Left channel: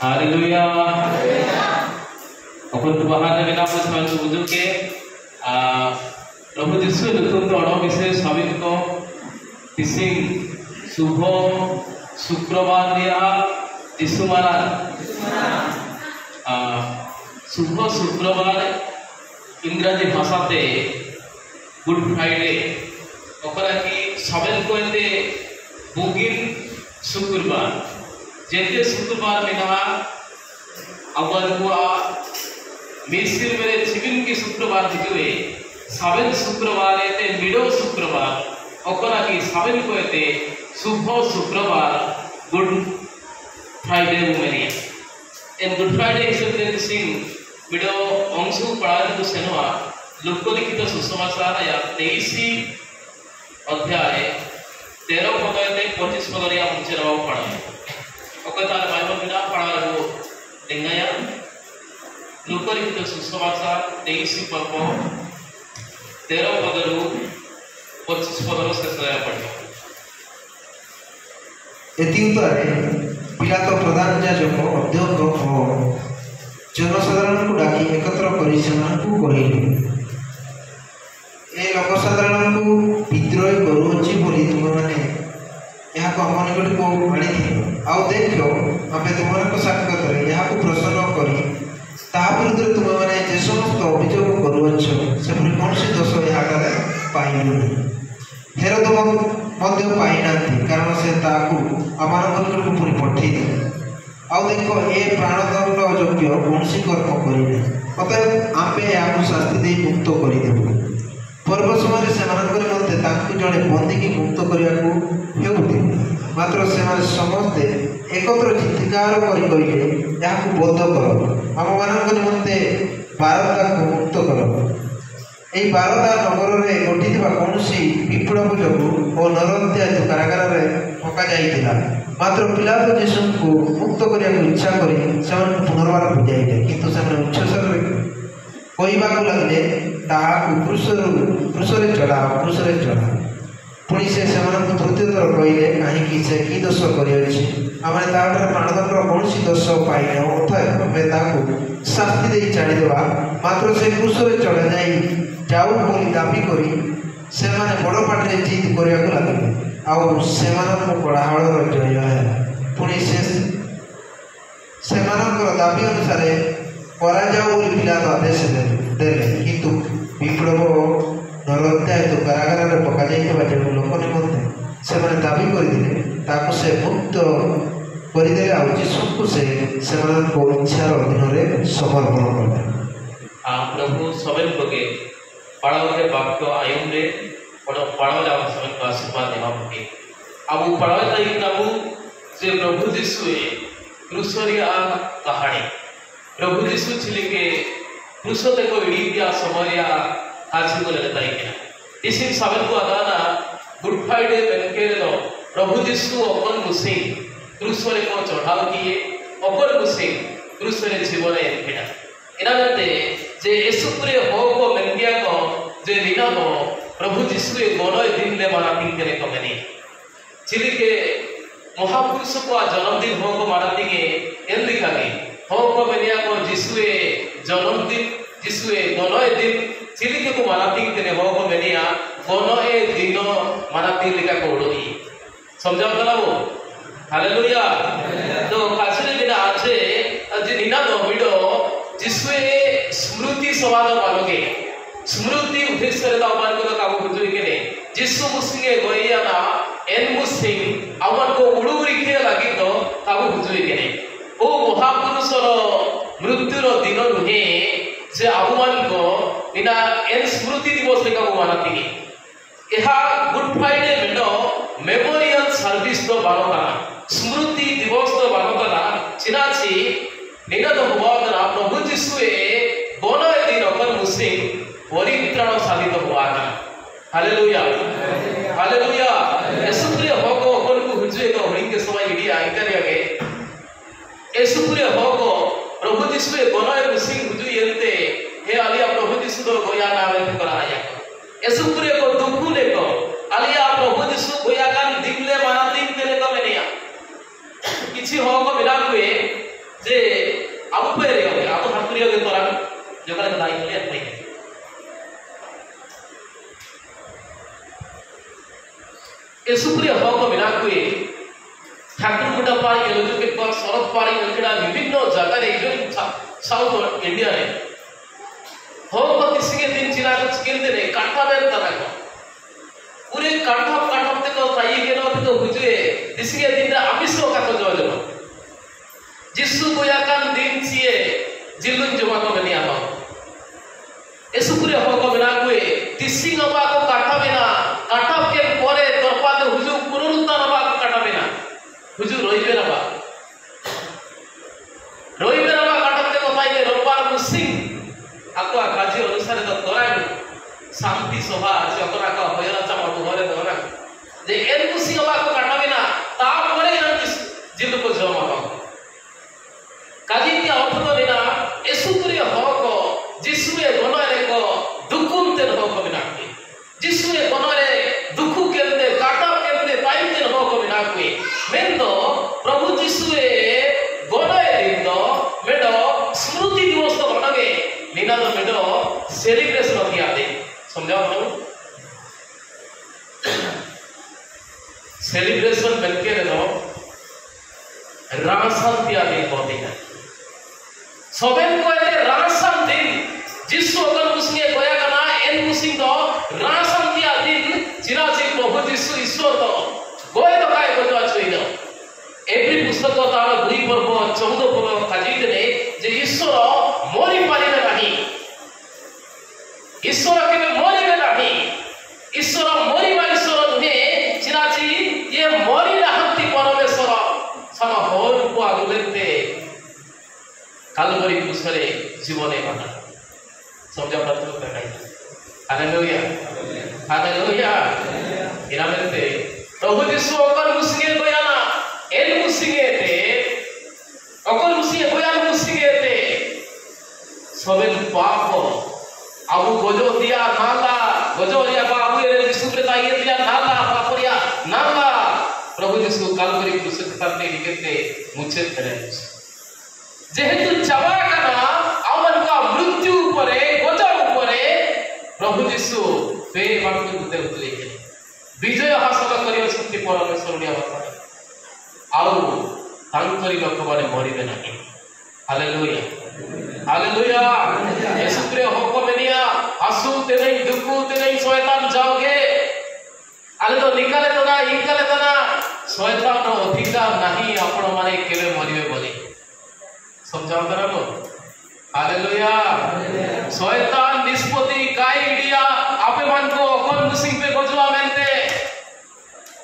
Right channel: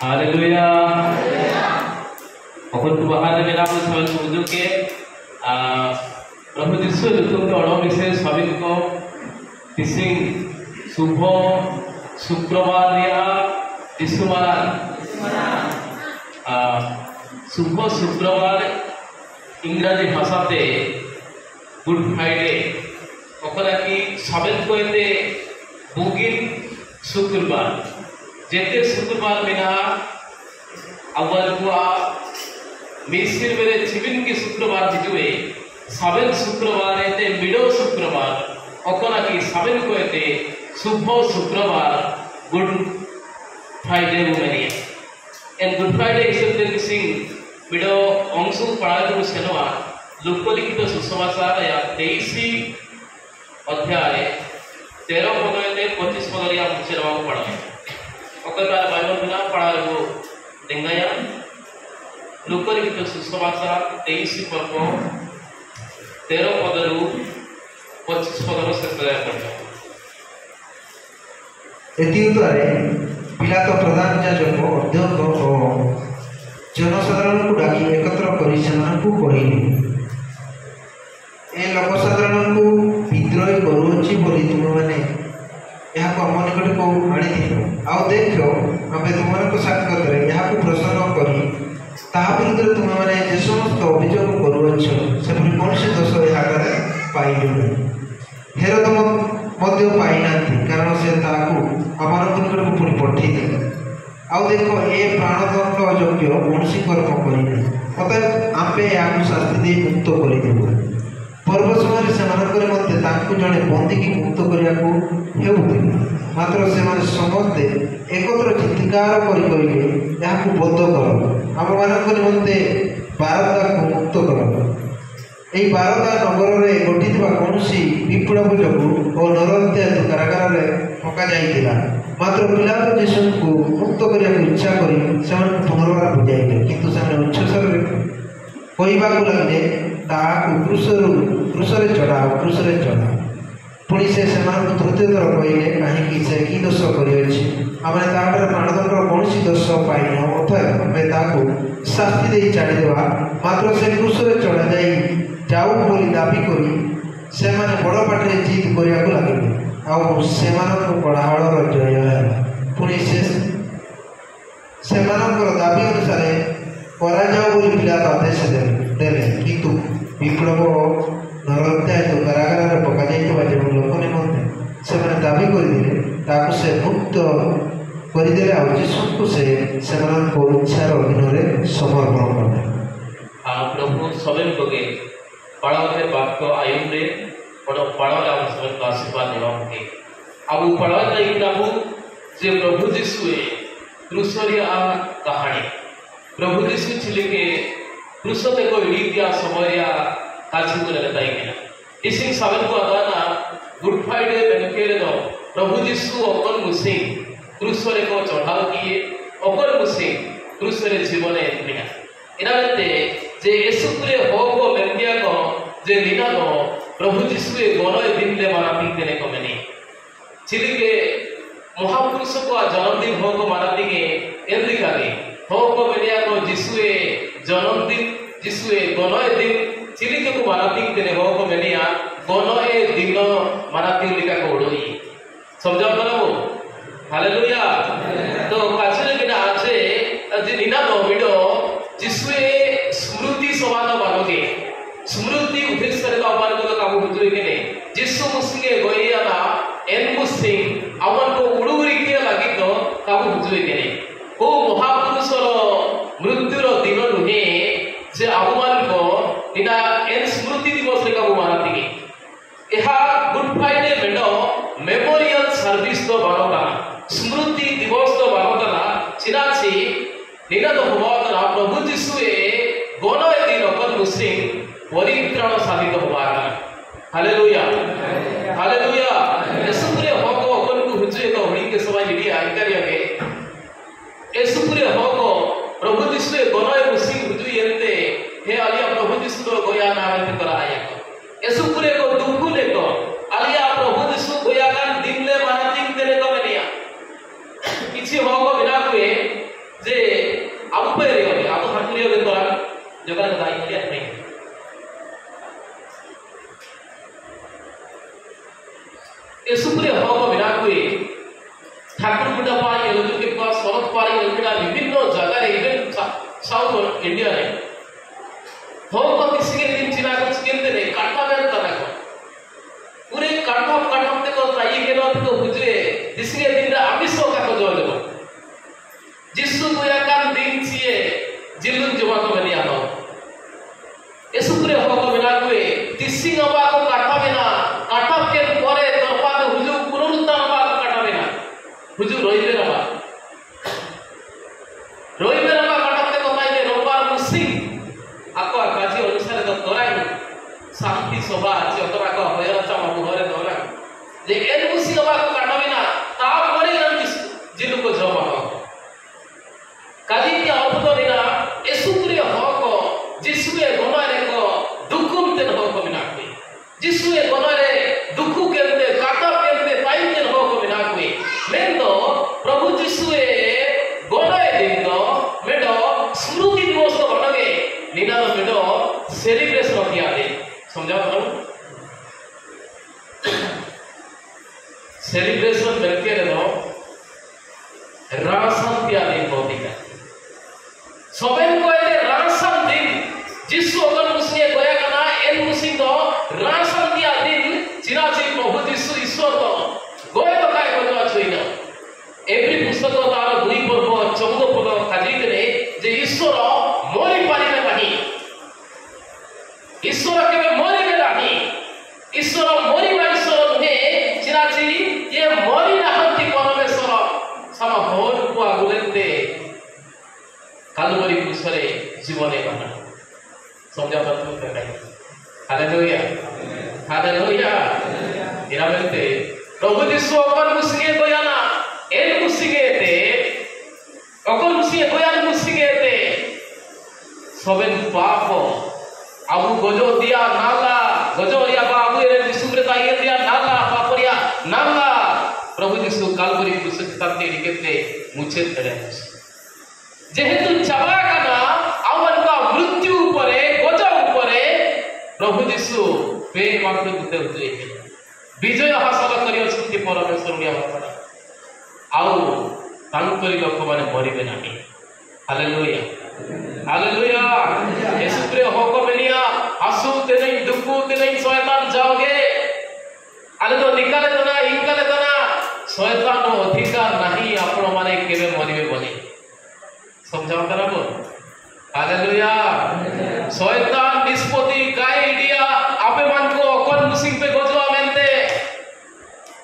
Hallelujah. अपन बाहर में नाम से वाले बुजुर्ग के प्रभु यीशु तुम तो अणो विषय सभी को किसी शुभ शुक्रवार दिया यीशु महाराज शुभ शुक्रवार इंग्रजी भाषा ते गुड फ्राइडे ओकरा की सवेन को एते बुगिन शुक्रवार जेते शुक्रवार में कहा अवर हुआ मिस्र मेरे जीवन की शुक्रवार हिजुए सवेन शुक्रवार एते मिडो शुक्रवार ओकरा की सवेन को एते शुभ शुक्रवार गुड फ्राइडे मेरी and good Friday is the सिंग मिडो अंशु पढ़ाई सेनवा लोकलिखित सुसमाचार या 23 अध्याय 13 पद एते 25 पद या मुझे रवा पढ़ा ओके तार बाइबल बिना पढ़ा वो देंगाया लोकलिखित सुसमाचार 23 पर्व 13 पद रु 25 पद से सया पढ़ा एतिद्वारे पिलातो प्रधान याजक अध्यक्ष और जनसाधारण को डाकी एकत्र करी सेमानकु कहिले ए लोकसाधारण को विद्रोही करूछि बोली तुम माने यहाँ को हम निकट को आनी थी आउ देखो आमे तुमनको साक्षात रे यहाँ को प्रसन्न करी ताहा विरुद्ध तुम माने जे समस्त अभियोग करूछ से कौन से दोष यहाँ करे पाइलु नहीं हेर तुम मध्य पाइनांती कारण से ताकू आमान निकट को पुरी पठी दे आउ देखो ए प्राणदंड योग्य कौन सी कर्म करिले अतएव आमे याकु शास्ति दे मुक्त करि देबो पर्व समय सेमानकर मध्य ताकू जड़े बंदी की मुक्त करने हेउते मात्र से समस्ते एकत्र चित्कार करी कहिले याकू बद्ध कर आम मानक निमंते बारदा को मुक्त कर एई बारदा नगर रे गठिथिबा कोनसी विप्लव जोगु और नरहत्या कारागार रे पका जाइतिला मात्र पिलातो यीशु को मुक्त करिया इच्छा करी से पुनर्बार बुझाइले किंतु से उच्छ्वास कहवा लगे ताकू क्रूसरे चढ़ा पुणी से तृतीय थर कहले कहीं से कि दोष कर प्राणदंड कौन दोष पाइन अतएव शास्ति दे छाड़देवा मात्र से क्रूसरे चढ़ा जाऊ बोली दाबी करी से बड़ पाटे जिद करने लगे आउ कड़ाहल जय है पुणी से दाबी अनुसार बोली पिलातो आदेश देले किंतु विप्लव नरहत्या कारागार में पका जाइबा जो लोक निमंते से दाबी करदे ताकू से मुक्त करदे आ यीशु से इच्छार अधीन में समर्पण करदे प्रभु सबन कोगे पढ़ाओ वाक्य आयम रे पढ़ाओ सबन को आशीर्वाद देवा के अब पढ़ाओ प्रभु जे प्रभु यीशु क्रूसरिया कहानी प्रभु यीशु छिलिके क्रूसते को इडिया समरिया काजी को लेता है इसी सावन को आदाना गुड फ्राइडे बेनकेरे नो प्रभु यीशु अपन मुसे क्रूसरे को चढ़ाव किए अपन मुसे क्रूसरे जीवन एनकिना इनाते जे यीशु पुरे हो को बेनकिया को जे निना नो प्रभु यीशु ए गोनो दिन ले माना पीते ने कमेनी छिलिके महापुरुष को जन्मदिन हो को माना दिगे एंदिकागे हो को बेनिया को यीशुए जन्मदिन यीशुए गोनोए दिन चिलिके को मानाती तेने हो को बेनिया गोनोए दिनो मानाती लिखा को उड़ोई समझा ना वो हालेलुया तो काछले बिना आजे जिनिना दो बिडो यीशुए स्मृति सवाल बालोगे स्मृति उद्देश्य रे बाल को काबू बुझुई के ने यीशु मुसिके गोरिया ना एन मुसिंग अवन को उड़ुरी के लगी तो काबू बुझुई के ने ओ महापुरुषर मृत्युर दिन नुहे जे आगुमान को इना एन स्मृति दिवस रे काबू मानाती एहा गुड फ्राइडे मेडो मेमोरियल सर्विस तो बालोगा स्मृति दिवस तो बालोगा चिनाची निना तो हुआना प्रभु यीशुए गोनो दिन अपन मुसिंग परित्राण साबित हुआना हालेलुया हालेलुया यीशुरे होगो अपन को हुजे को हणी के समय इडिया इंटरव्यू के यीशुरे होगो प्रभु यीशुए गोनो मुसिंग हुजु यंते हे आलिया प्रभु यीशु तो गोया ना आवे कराया यीशुरे को दुखु लेको आलिया प्रभु यीशु गोया कान दिन ले माना दिन के ले को मेनिया किछि होगो बिना कुए जे abu pere ya abu hakuri ya toran jogar ka dai ya nei esupre hogo binakui Thakur गुड्डा पारी एलुजु के पास शरद पारी एलुजु विभिन्न जगह रे इवन साउथ इंडिया रे होग दिसिगे दिन चिना को चिकेंदे रे काटा बेन तना को पूरे काटा ते को ताई के रो तो बुझे दिसिगे दिन रे आमिष का को जो जो जिसु गोया कान दिन छिए जिल्लुन जमा को बनिया हो एसुपुरे होग बिना कोए दिसिंग अबा को काटा बिना काटा के परे तरपा तो हुजु पुनरुत्थान अबा को काटा बिना हुजूर रोइबे रबा काटते को पाइले रोबार मुसिंग आको काजी अनुसार तो तोराई शांति सभा अछि अतरा को होयरा चामा घरे दोला जे एन मुसी सभा को काटबिना ता परे जिल्लु को जमा हो काजी के अर्थ तो बिना एसुत्रे हको जिसुए गनारे को दुखुमते हको बिना के जिसुए गनारे दुखु केलते काटा केलते पाइते हको बिना के मेंदो प्रभु जिसुए गोडाय दिनो मेडो स्मृति दिवस तो बडगे निनाद मेडो सेलिब्रेशन किया दे समझाओ तो सेलिब्रेशन बनके नो रामसन दिया दे बोदी का सोबेन को ए रामसन दिन जिसु अगर मुसके गोया कना एन मुसिंग दो रामसन दिया दिन चिराची प्रभु जिसु ईश्वर तो गोय तो काय बजो आछोइनो एवरी पुस्तक तार 2 पर्व 14 पर्व काजीते जे ईश्वर मोरी पारिबे नाही ईश्वर केबे मोरिबे नाही ईश्वर मोरिबा ईश्वर नुहे चिराची ये मोरी नाहंती परमेश्वर सम होर को आगुलेते कालवरी कुसरे जीवने बना समझा पत्तो काय हालेलुया हालेलुया इनामेते प्रभु जिसु अकर मुसिगे गोयाना एन मुसिगे ते अकर मुसिगे गोयाना मुसिगे ते सबेन पाप आबु गजो दिया नाला गजो या बाबू ए जिसु प्रेता ये दिया नाला पापरिया नाला प्रभु जिसु कालवरी कुसरे तन्ने निकेते मुछे तड़े जेहेतु चावा काना आवन का मृत्यु ऊपरे गजा ऊपरे प्रभु जिसु पे मात्र दुते हुए विजय हासिल करियछन्ति परमेश्वर लिया बापा आउ तांकरी लोक माने मरिबे नाही हालेलुया हालेलुया येशुप्रे होको मेनिया आसु ते नहीं दुखु ते नहीं शैतान जाओगे आले तो निकाले तो ना इनकाले तो ना शैतान नो अधिकार नहीं आपण माने केबे मरिबे बोले समझाओ करबो हालेलुया शैतान निष्पत्ति काय इडिया आपे मान को कोन मुसिंग पे गजवा मेनते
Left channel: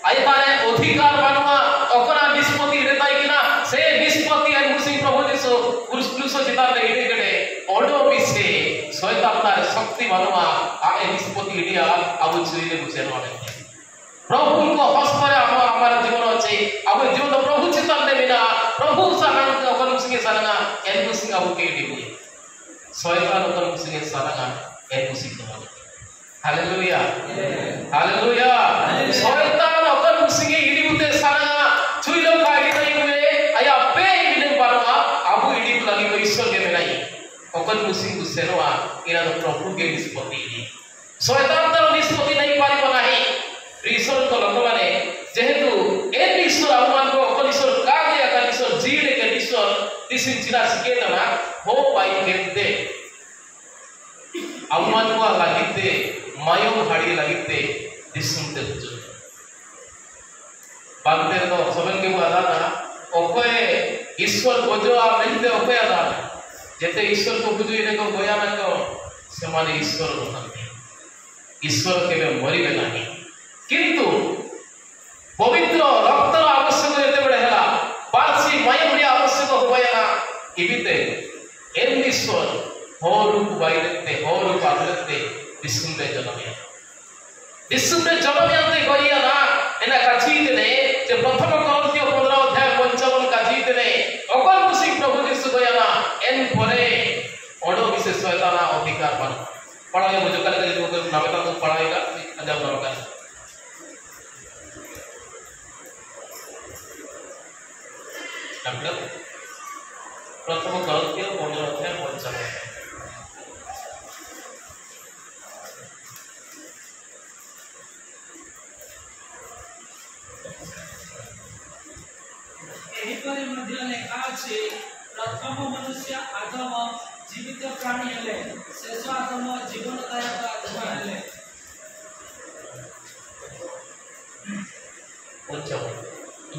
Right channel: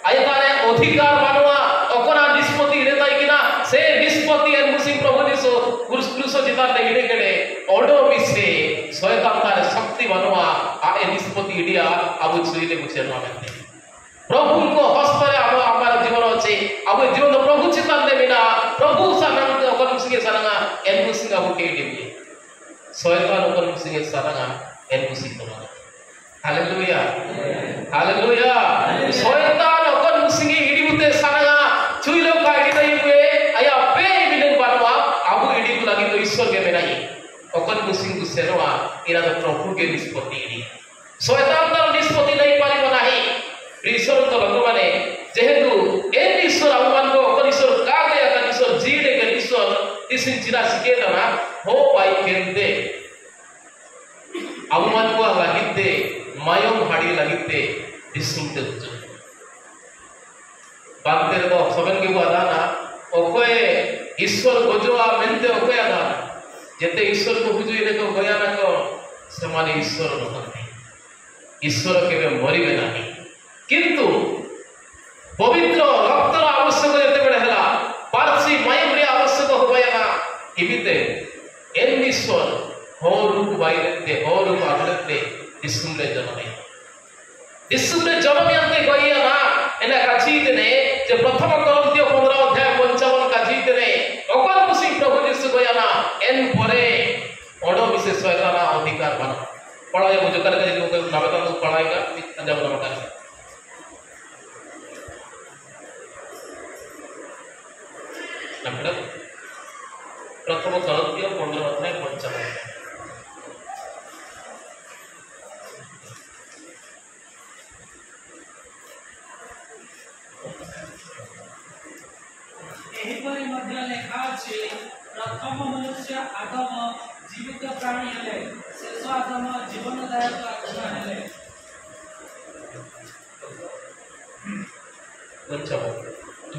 आय ताने अधिकार मानवा अकरा निष्पत्ति रेताई किना से निष्पत्ति एन मुसिंग प्रभु जिसु क्रूस जिता ले इडे केडे ओडो बिसे शैतान तार शक्ति मानवा आ ए निष्पत्ति इडिया आबु छुइले बुझे मानते प्रभु को हस्तरे हमारा जीवन अछि अब जीवन प्रभु चितन दे बिना प्रभु सानन को अकन मुसिंग सानगा एन मुसिंग आबु के इडी बुझे शैतान अकन मुसिंग सानगा एन मुसिंग तो मानते हालेलुया हालेलुया शैतान अकन मुसिंग इडी बुते सानगा छुइलो का इडी तई हुए आया पे बिन बारवा आबु इडी को लगी तो ईश्वर के बेनाई अकन मुसिंग को सेरवा इरा तो प्रभु के निष्पत्ति इडी शैतान तो निष्पत्ति नहीं पारी बनाई ईश्वर तो लोक माने जेहेतु एन ईश्वर अवमान को अकन ईश्वर का गया का ईश्वर जीड़े के ईश्वर तिसिन चिना सिके तना हो पाई केंदे अवमान को लागिते मायम हाड़ी लागिते दिसुमते हुजु बांते तो सबन के बुआ दाना ओकोए ईश्वर गोजोआ मेनते ओकोए दाना जेते ईश्वर को हुजु इने को गोया ना को समाने ईश्वर नथाते ईश्वर केबे मरिबे नाही किंतु पवित्र रक्तर आवश्यक जेते बडे हला पारसी मायम रे आवश्यक होया ना इबिते एन ईश्वर होरु को बाइरते होरु को आदरते इसुमले जनमयते गइया ना एना काचीते ने जे प्रथम कोरिन्थियो 15 अध्याय 55 काचीते ने अकल मुसी प्रभु जिसु गइया ना एन परे ओडो विशेष शैतान अधिकार मान पढ़ाई मुझे कल करी जो नामता तो पढ़ाएगा जब नमकार नमकार प्रथम गलतीय 15 अध्याय 55। एहिपरि मध्य लेखा अछि प्रथम मनुष्य आदम जीवित प्राणी हेले शेष आदम जीवनदायक आत्मा हेले।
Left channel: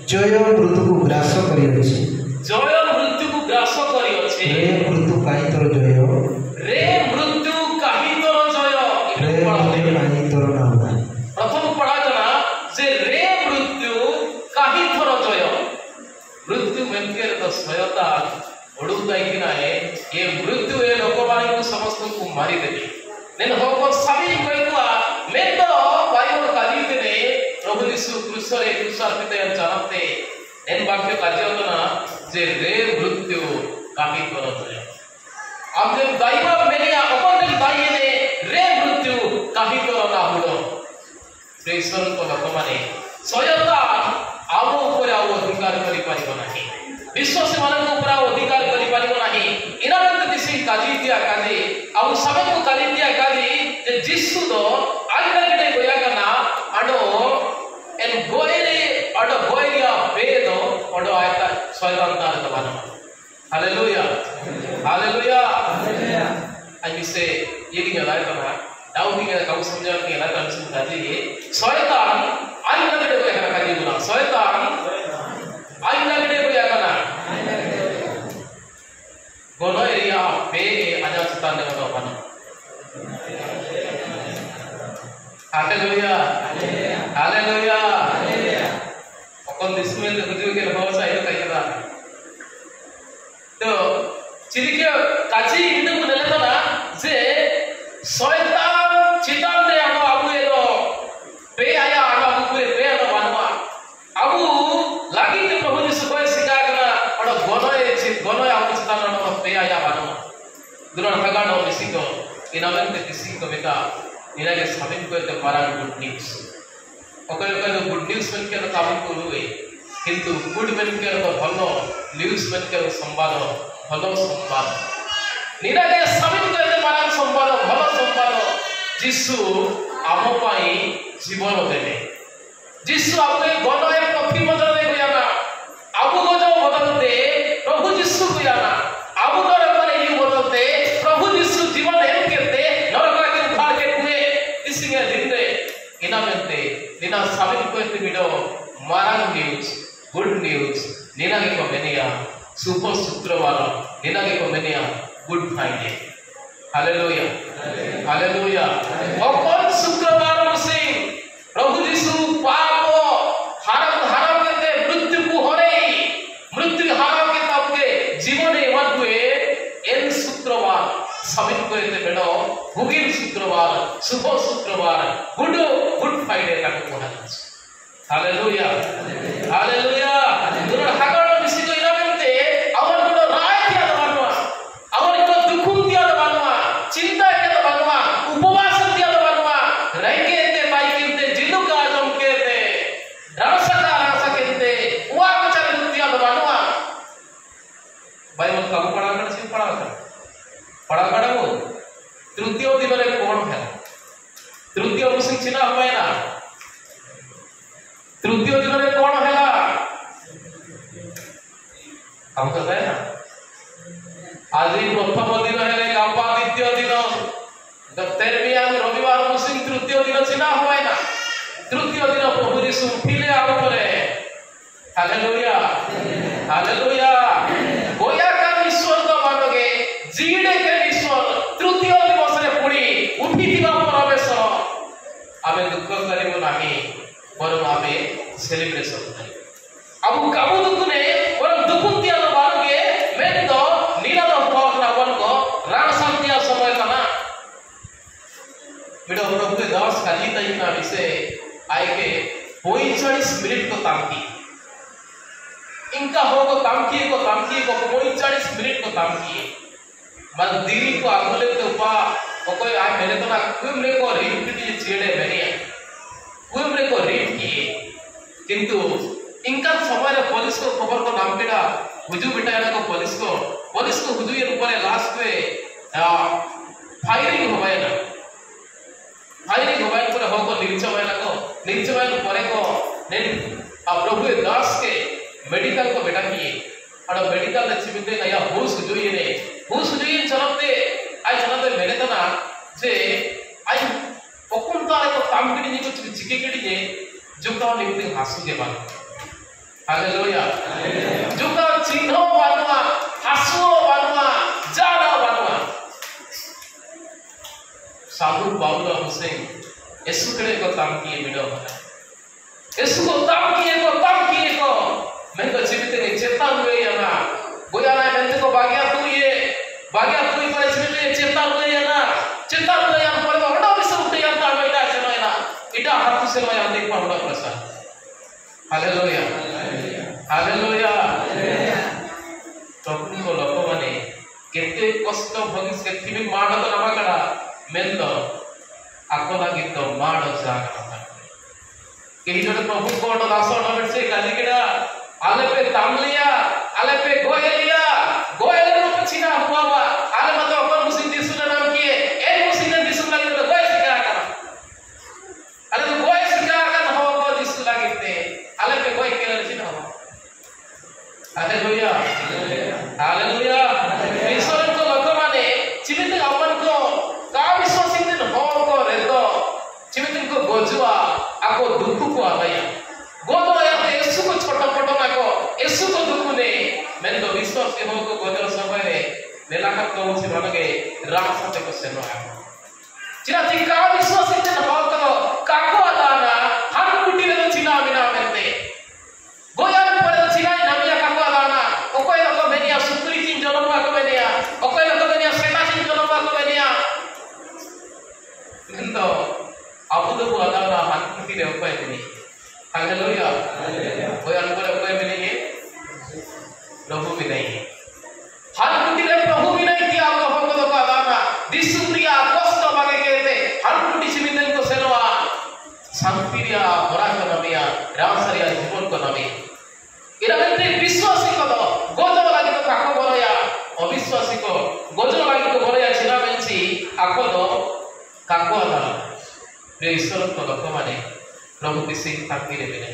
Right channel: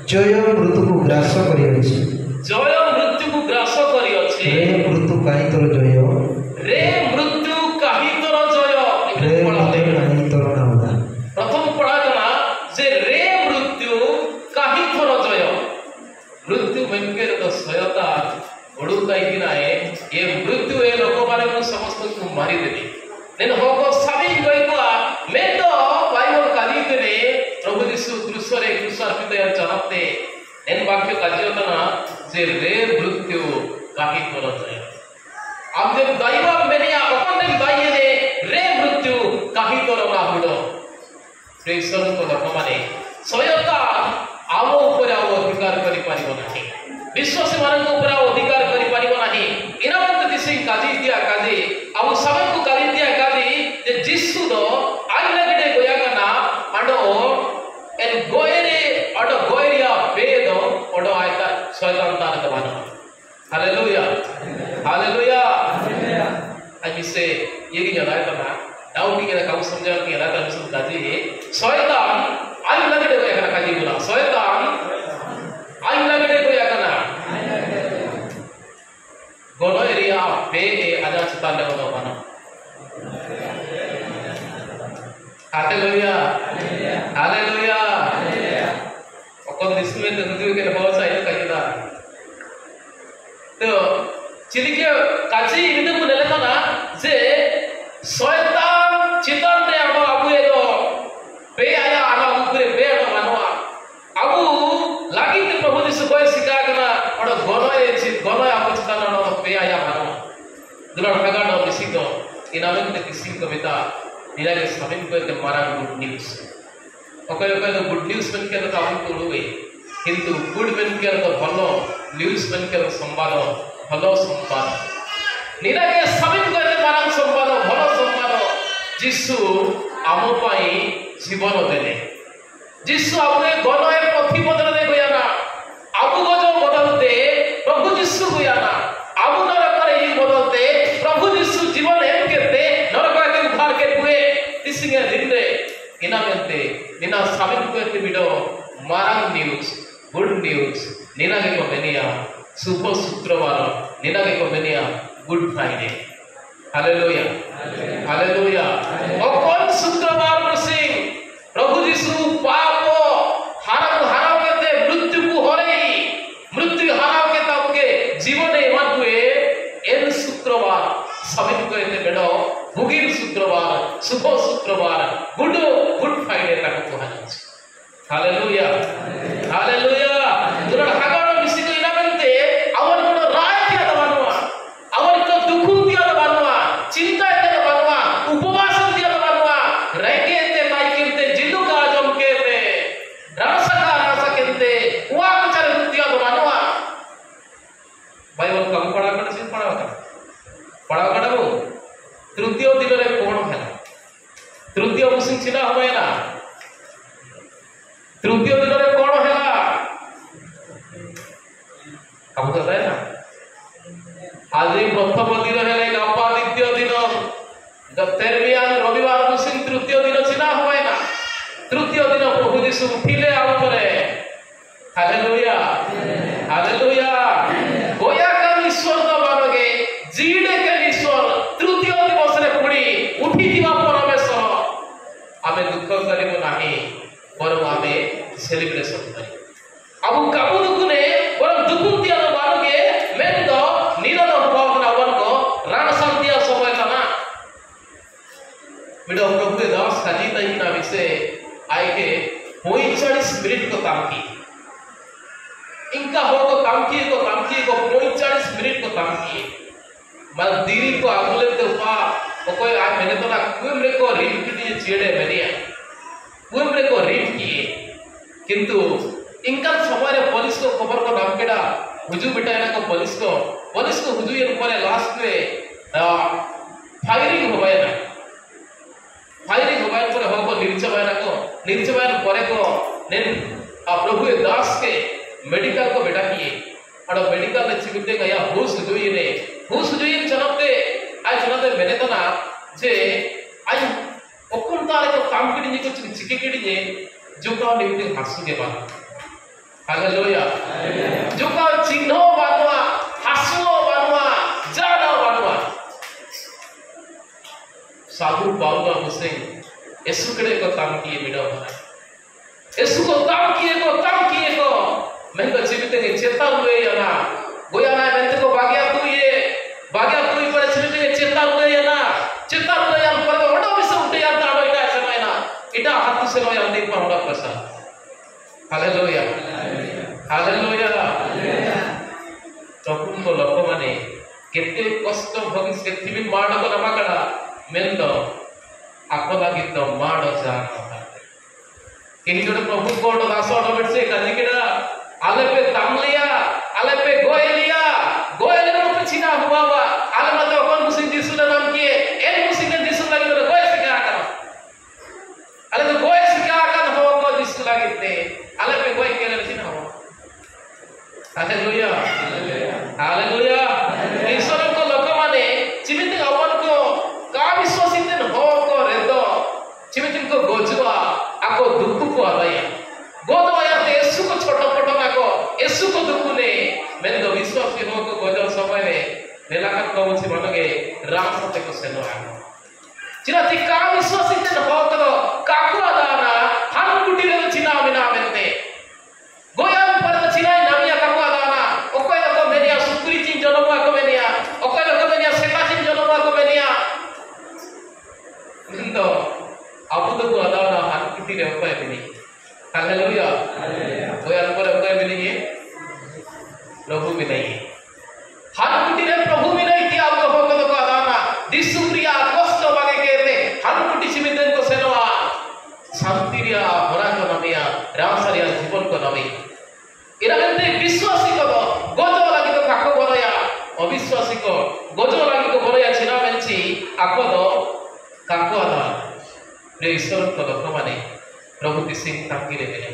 जय मृत्यु को ग्रास करिଅछि जय मृत्यु को ग्रास करिଅछि रे मृत्यु काई तोर जय रे मृत्यु काई तोर जय रे काई तोर नाउदा। प्रथम पढ़ा जना जे रे मृत्यु काई तोर जय मृत्यु मेनकेर तो सयता ओडुताई कि नाए ये मृत्यु ए लोक माने समस्त को मारी देबी नेन होको सभी गइवा मैं तो बाइबल काली देने प्रभु यीशु क्रूस रे क्रूसार्पित जानते एन वाक्य कार्यना जे रे मृत्यु काहि तोर जय आप जब दाइवा मेनिया अपन दाइए ने रे मृत्यु काहि तोर नाहुड प्रेसर को लोक माने सयता आम ऊपर आ अधिकार करि पारिबो नाही विश्वासी मानक ऊपर अधिकार करि पारिबो नाही इनामत दिसि काजी दिया काजी अब सब को काजी दिया काजी जे जिसु दो आइना गिडे गोया गना अडो एन गोयरे अडो गोयरिया बेदो अडो आयता शैतान तार दबानो हालेलुया हालेलुया हालेलुया आज से ये की याद है ना दाऊद की का समझा के याद है सब काजी शैतान आइना गिडे गोया काजी बोला शैतान आइना गिडे गोया गना गोनो एरिया पे आजा सतान ले बनो हालेलुया हालेलुया अपन इसमें तो मुझे के बहुत सारे कहिदा तो चिरिकिया काची इंदु को लेले ना जे शैतान चितान दे हम अबु एदो पे आया आना ऊपर पे आना मानवा अबु लागी के प्रभु यीशु को सिखा गना और गोनो हम चितान न पे आया मानवा दुरा भगा न मिसिको इनामेंट किसी कविता निरागे समिन को ते मारा गुड न्यूज़ ओकर ओकर गुड न्यूज़ मन के तो हम को हुए किंतु गुड मन के तो भलो न्यूज़ मन के संवाद भलो संवाद निरागे समिन को ते मारा संवाद भलो संवाद जिसु आम पाई जीवन देले जिसु आपने गनए पथि बदल ले गया ना आबु गजो बदलते प्रभु जिसु गया ना आबु नरक रे ही बदलते प्रभु जिसु जीवन एम केते नरक के उद्धार के हुए इसीने दिनरे इनामेंते निना साबित करते बिडो मारा न्यूज़ गुड न्यूज़ निना के को मेनिया शुभ शुक्रवार निना के को mania good Friday hallelujah hallelujah और कौन शुक्रवार से प्रभु यीशु पाप हारा के मृत्यु को हरे मृत्यु हारा के तब के जीवन मत हुए एन शुक्रवार समित करते बेडो भुगिर शुक्रवार शुभ शुक्रवार गुड फ्राइडे का को है हालेलुया हालेलुया दुरण हागण मिसी को इनामेंते अवर को राय दिया बनवा अवर को दुख दिया बनवा चिंता दिया बनवा उपवास दिया बनवा रंगे ते ताई केते जिनु का जम केते रस केते उवा विचार दिया बनवा बाइबल कम पढ़ा कर सिर्फ पढ़ा करबो तृतीय दिन रे कोन है तृतीय मुसिक छिना होय ना तृतीय दिन रे कोन है काम करता है ना आज प्रथम दिन है गापा द्वितीय दिन दत्तेरमिया रविवार मुसिक तृतीय दिन छिना होय ना तृतीय दिन प्रभु यीशु उठिले आरो करे हालेलुया हालेलुया गोया का ईश्वर का मानोगे जीड़े के ईश्वर तृतीय दिवस रे पुणी उठी दिवा परमेश्वर आमे दुख करिबो नाही पर आमे सेलिब्रेशन करिबो अब काबू दुखने और दुख दिया तो मानोगे मैं तो नीरव भोग ना वर्ग राण शांतिया समय का वीडियो प्रभु दास काजी तई ना विषय आए के 45 मिनट को तांकी इनका हो को तांकी को 45 मिनट को तांकी मैं दीरी को आगुले तो पा वो कोई आज मैंने तो ना कुमरे को रिंग की चेड़े मेरिया कुमरे को रिंग किए किंतु इनका समय पुलिस को खबर को नाम केड़ा हुजू बिटाया को पुलिस को हुजू ये ऊपर लास्ट में फायरिंग हो गया ना फायरिंग हो गया पर हो को निरचवाया परे को ने प्रभु दास के मेडिकल को बेटा किए और मेडिकल में चिबिते गया हुस हुजू चलते आई चलते मैंने तो ना जे आई ओकुन तारे को काम करी ने कुछ चिके करी ने जो का निमित्त हासु के बात हालेलुया जो का चिन्ह बानवा हासु बानवा जाना बानवा साधु बाबुला हुसैन यीशु के को काम किए बिना भरा यीशु को काम किए को मैं तो जीवित के चेता हुए ना गोया ना मैं को भाग्या तू ये पर इसलिए चेता हुए ना चेता हुए हम पर तो हड़ो भी सुनते यार ता बेटा समय ना इटा हाथ से मैं देख पाऊंगा प्रसाद हालेलुया हालेलुया प्रभु को लोक माने केते कष्ट भविष्य थिबि माड को नमाकड़ा मेन तो आको लागी तो माड जान केही जण प्रभु को दास नबे से कलिकेड़ा आले पे तामलिया आले पे गोयलिया नो पछिना हुआ आले मत कोन मुसिन दिसुला नाम किए ए मुसिन दिसुला के तो गोय सिका कर आले तो गोय सिका कर हो को दिसुला किते आले पे गोय के लड़की ना हो हालेलुया हालेलुया ईश्वर को लोक माने चिबित अपन को का विश्वासित न हो को रेतो चिबित को गोजवा आको दुख को आया गोदवाया ते यीशु को छोटा छोटा को यीशु को दुख ने मैं तो विश्वास के हो को गोदर समय मेला का को से बनगे रास्ते को सेनो आए चिरा ती का विश्वासित न हो को काको आदाना हर कुटी रे चिना बिना मेते गोया पर चिना नामिया काको आदाना ओकोय को मेनिया सुकुरी तीन जनवा को मेनिया ओकोय को मेनिया सेका तीन जनवा को मेनिया मैं तो अब तो आदाना हर कुटी रे ओकोय मेनी हालेलुया कोई अनपर कोई मिलेंगे प्रभु भी नहीं हर कुटी रे प्रभु भी नहीं थी आपको भगत को आदाना दिसुप्रिया कष्ट मांगे कहते हर कुटी चिमितन को सेनवा शांतिरिया भरा को नमिया रामसरिया जीवन को नमी इरगंते विश्वासी को गोजो लागि को काको बरया अविश्वासी को गोजो लागि को बरया छिना मेंची आको दो काको आदाना प्रिय ईश्वर को लोक माने प्रभु दिसिंग तांगिरे बिना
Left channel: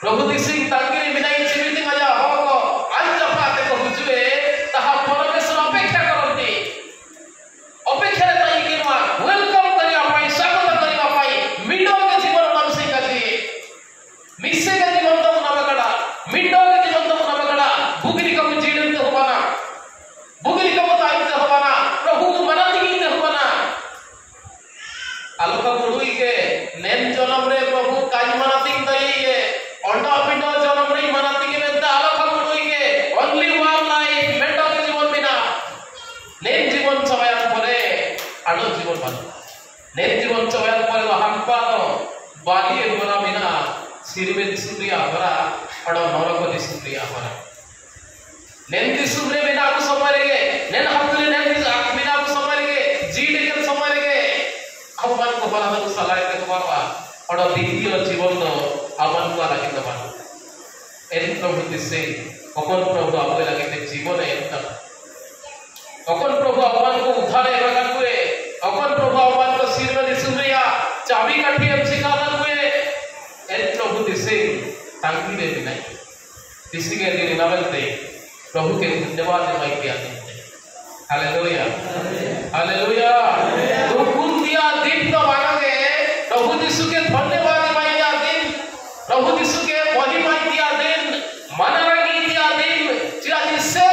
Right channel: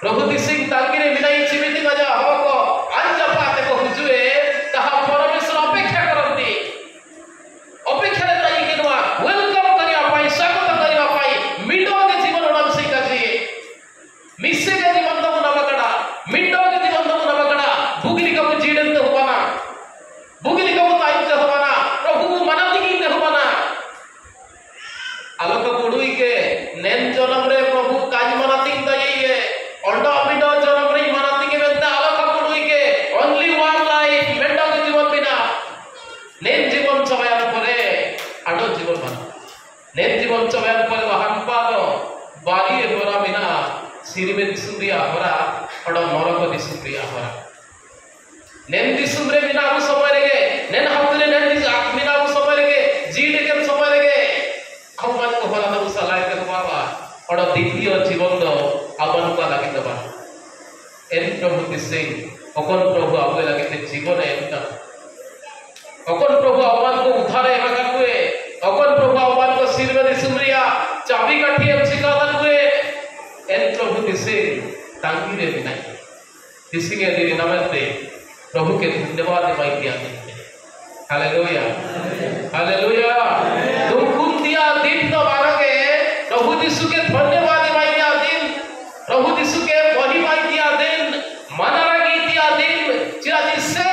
प्रभु दिसिंग तांगिरे बिना चिमिति मजा हो को अंज पाते को हुजुए तहा परमेश्वर अपेक्षा करंती अपेक्षा रे ताई किनवा वेलकम करिया पाई स्वागत करिया पाई मिडो के जीवन नाम से कजी मिसे के जीवन तो नबकड़ा मिडो के जीवन तो नबकड़ा बुगिरी को जीडन तो होवाना बुगिरी को ताई तो होवाना प्रभु को मनाती की होवाना आलोक गुडुई के नेन जनम रे प्रभु काज मनाती दइए अंडा पिंडा जनम रे मनाती के बेटा आलोक गुडुई के ओनली वन लाइफ बेटा के जीवन बिना नेन जीवन चबायार परे आडो जीवन बना नेन जीवन चबायार परे हमपानो बागी गोरा बिना सिरमे दिसुरिया होरा अडो नरक दिसुरिया होरा नेन दिसुरे बिना अब समय रे नेन हकले नेन दिस बिना अब समय रे जीड के समय रे अपन को होला तो सलाह के तुम्हारा और द्वितीय जीवन तो अपन को लगे दबा एन प्रभु दिसे अपन प्रभु आपके लगे के जीवन है इनका अपन प्रभु अपन को उद्धार है मगर हुए अपन प्रभु अपन को सिर में दिसुरिया चाबी काठी हम सिखावन हुए एन प्रभु दिसे तांगी दे बिना दिसी के दिन नमस्ते प्रभु के धन्यवाद माई किया हालेलुया हालेलुया तुम कुन दिया दिन को मारोगे प्रभु यीशु के धन्यवाद माइया दिन प्रभु यीशु के महिमा किया दिन मनारा किया दिन चिराजी से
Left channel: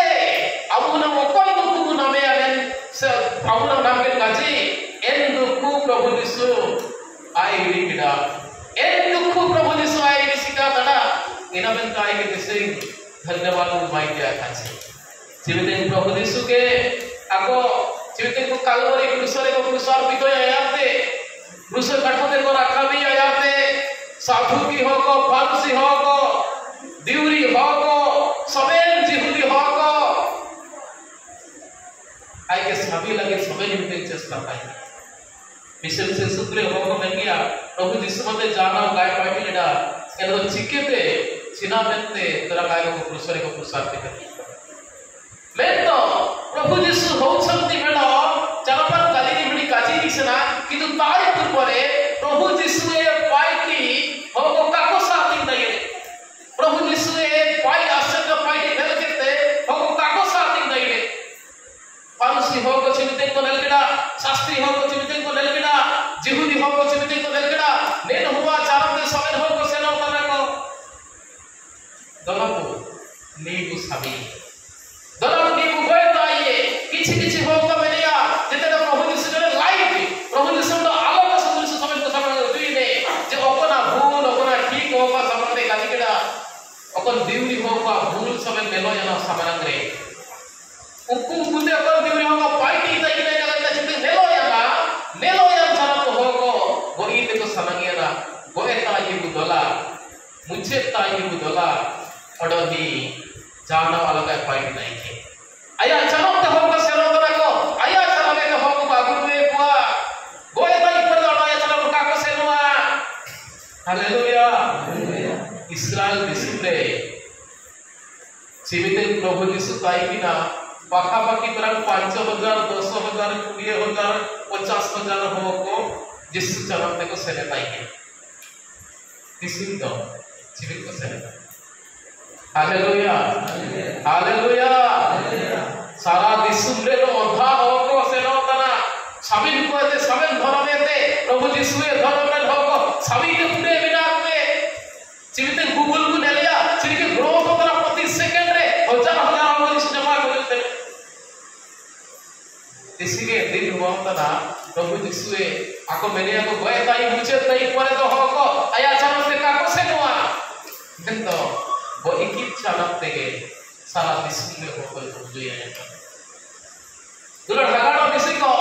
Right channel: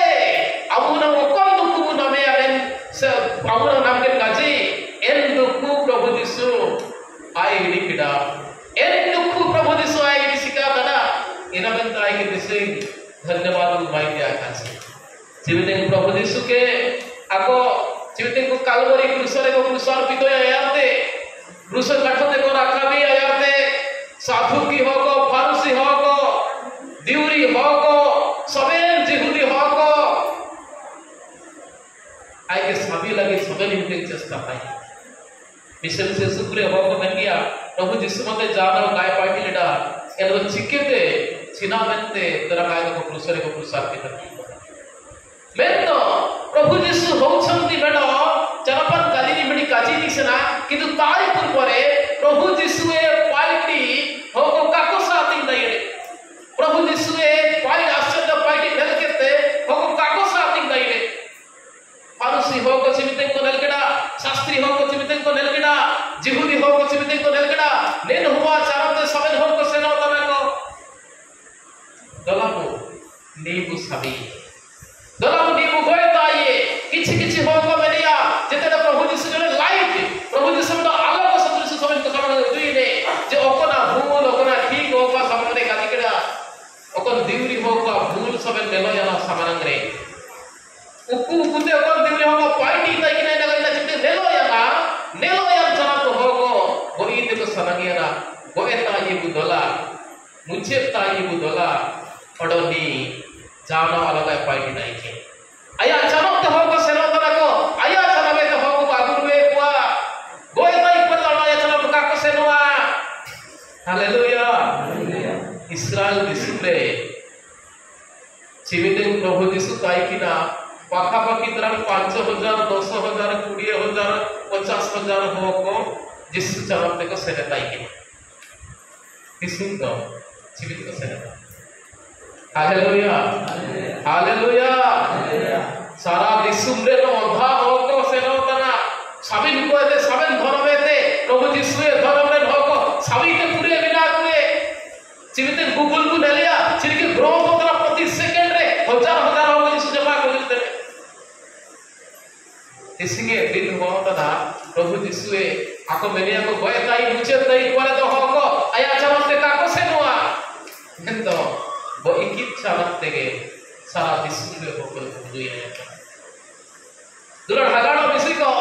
अबुना कोन दुखु नामे आलेन से अबुना नाम के काजी एन दुखु प्रभु यीशु आई गिड़ी किडा एन दुखु प्रभु यीशु आई गिड़ी सिका दना इना बेंता आई के दिसे धन्यवाद माई किया काजी जीवित प्रभु यीशु के आको जीवित को कालवरी क्रूसरे को क्रूसर पितो आयाते क्रूस काठते को रखा भी आयाते साधु की हो को फारूसी हो को दिउरी हो को सबेन जिहुदी हो को आई के सभी लगे समय निकले चेष्टा पाई मिसल से सुक्रे हो को मैं किया प्रभु यीशु मते जानो काय party लेडा I know चिकेते finalmente terangkan ko prusare ko prusar kita. Mento Prabhu Jisu housanti meno janapan kali ni meni kaji disana kintu tai purpore Prabhu Jisu e paiti hoko kako sating daire. Prabhu Jisu e pai asya paiti nelkete hoko kako sating daire. Parusi hoko chimiten ko nelkeda shastri hoko chimiten ko nelkeda jihudi hoko chimiten ko nelkeda nen huwa charante samen hoko sena tanako dolapo nibu sabi dolapo nibu goeta ye kichi hoko menia jete Prabhu Jisu jone light Prabhu Jisu to aloko sadrish samen ko samen duine je okona bhul okona thik hoko samen de kalikeda okon diuri hoko bhul samen melo yana samanangre ukku kunde okon diuri hoko paiti taikine naganya jete melo yana sana to hoko goi te to samangera goeta ye budola mucheta ye budola padoni jana alaga paiti naike aya janam to hoko senodana ko aya janame to hoko bagurwe kwa goeta ikpala aya janam ka ko senwa haleluya Israel disipre जीवित प्रभु जीसु ताई की ना पाखापाखी तरह 5,000 10,000 20,000 50,000 हो को जिस चरण तक सेने ताई की किसी तो जीवित को सेने हालेलुया हालेलुया सारा दिसुम रे नो अंधा हो को सेने उतना सभी को ऐसे सभी धर्म में थे प्रभु जीसु ये धर्म में हो को सभी के पूरे बिना पूरे जीवित गूगल को डालिया चिरकी ग्रोथ होता प्रति सेकंड रे हजार हो गई जमा कर देते इसलिए दिन हुआ था प्रभु जीसु ए आको मैंने आको गए ताई मुझे ताई कोरे तो हो को आया चरण से का को से हुआ किंतु वो एक ही चरण तेगे सारा विश्व में हो को जो ये दुलर लगाड़ो किसी को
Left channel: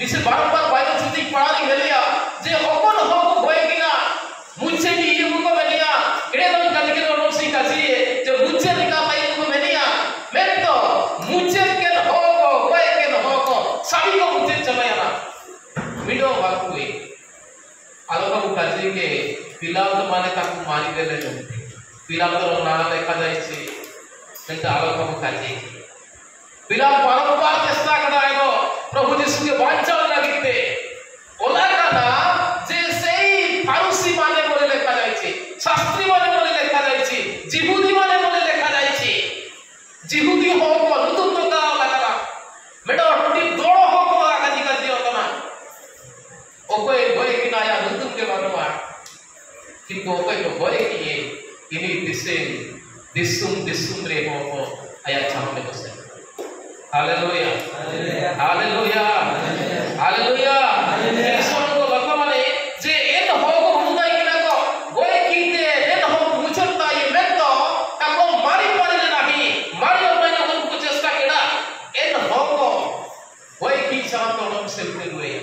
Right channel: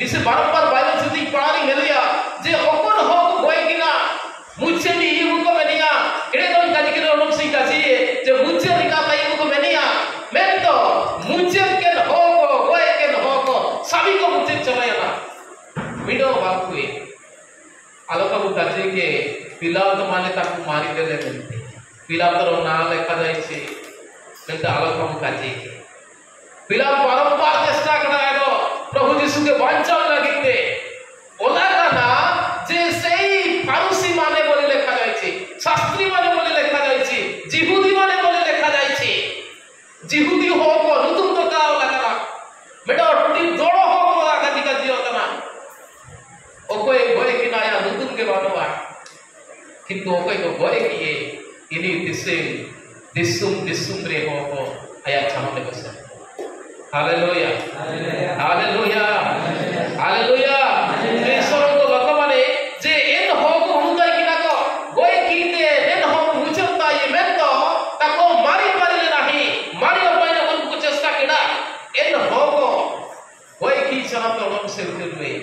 निसे बार-बार बाइबल से पढ़ाने मिलिया जे ओकन हो को गए किना मुझे भी ये को बनिया एडे तो काजी के ओनम से काजी जे मुझे निका ताई को बनिया मैं तो मुझे के हो को गए के हो को सभी को मुझे चलाया ना वीडियो बाकुए आलोका को काजी के पिला तो माने ताकू मारी देले नहीं पिला तो ना लेखा जाय छे কিন্তু আলোকা को काजी पिला बारंबार चेष्टा करा है तो प्रभु यीशु के वांछा লাগিতে ওলা কানা যে সেই ফারুসি মানে বলে লেখা যাচ্ছে শাস্ত্রী মানে বলে লেখা যাচ্ছে জিহুদি মানে বলে লেখা যাচ্ছে জিহুদি হোক নতুন কথা লাগা বেটা অটটি দড় হোক লাগা দিকা দিও না ওকে গয় কিনায়া নতুন के বানোয়া কিন্তু ওকে তো গয় কি ইনি দিসুম রে হোক আয়া সামনে বসে हालेलुया हालेलुया हालेलुया ईश्वर को वर्तमाने जे एन हो को हुंदाई किना को गोय कीते एन हो मुचता ये मैं तो ताको मारी ले नाही मारी पाए को कुछ चेष्टा केडा एन हो को गोय की चला तोडम से उठे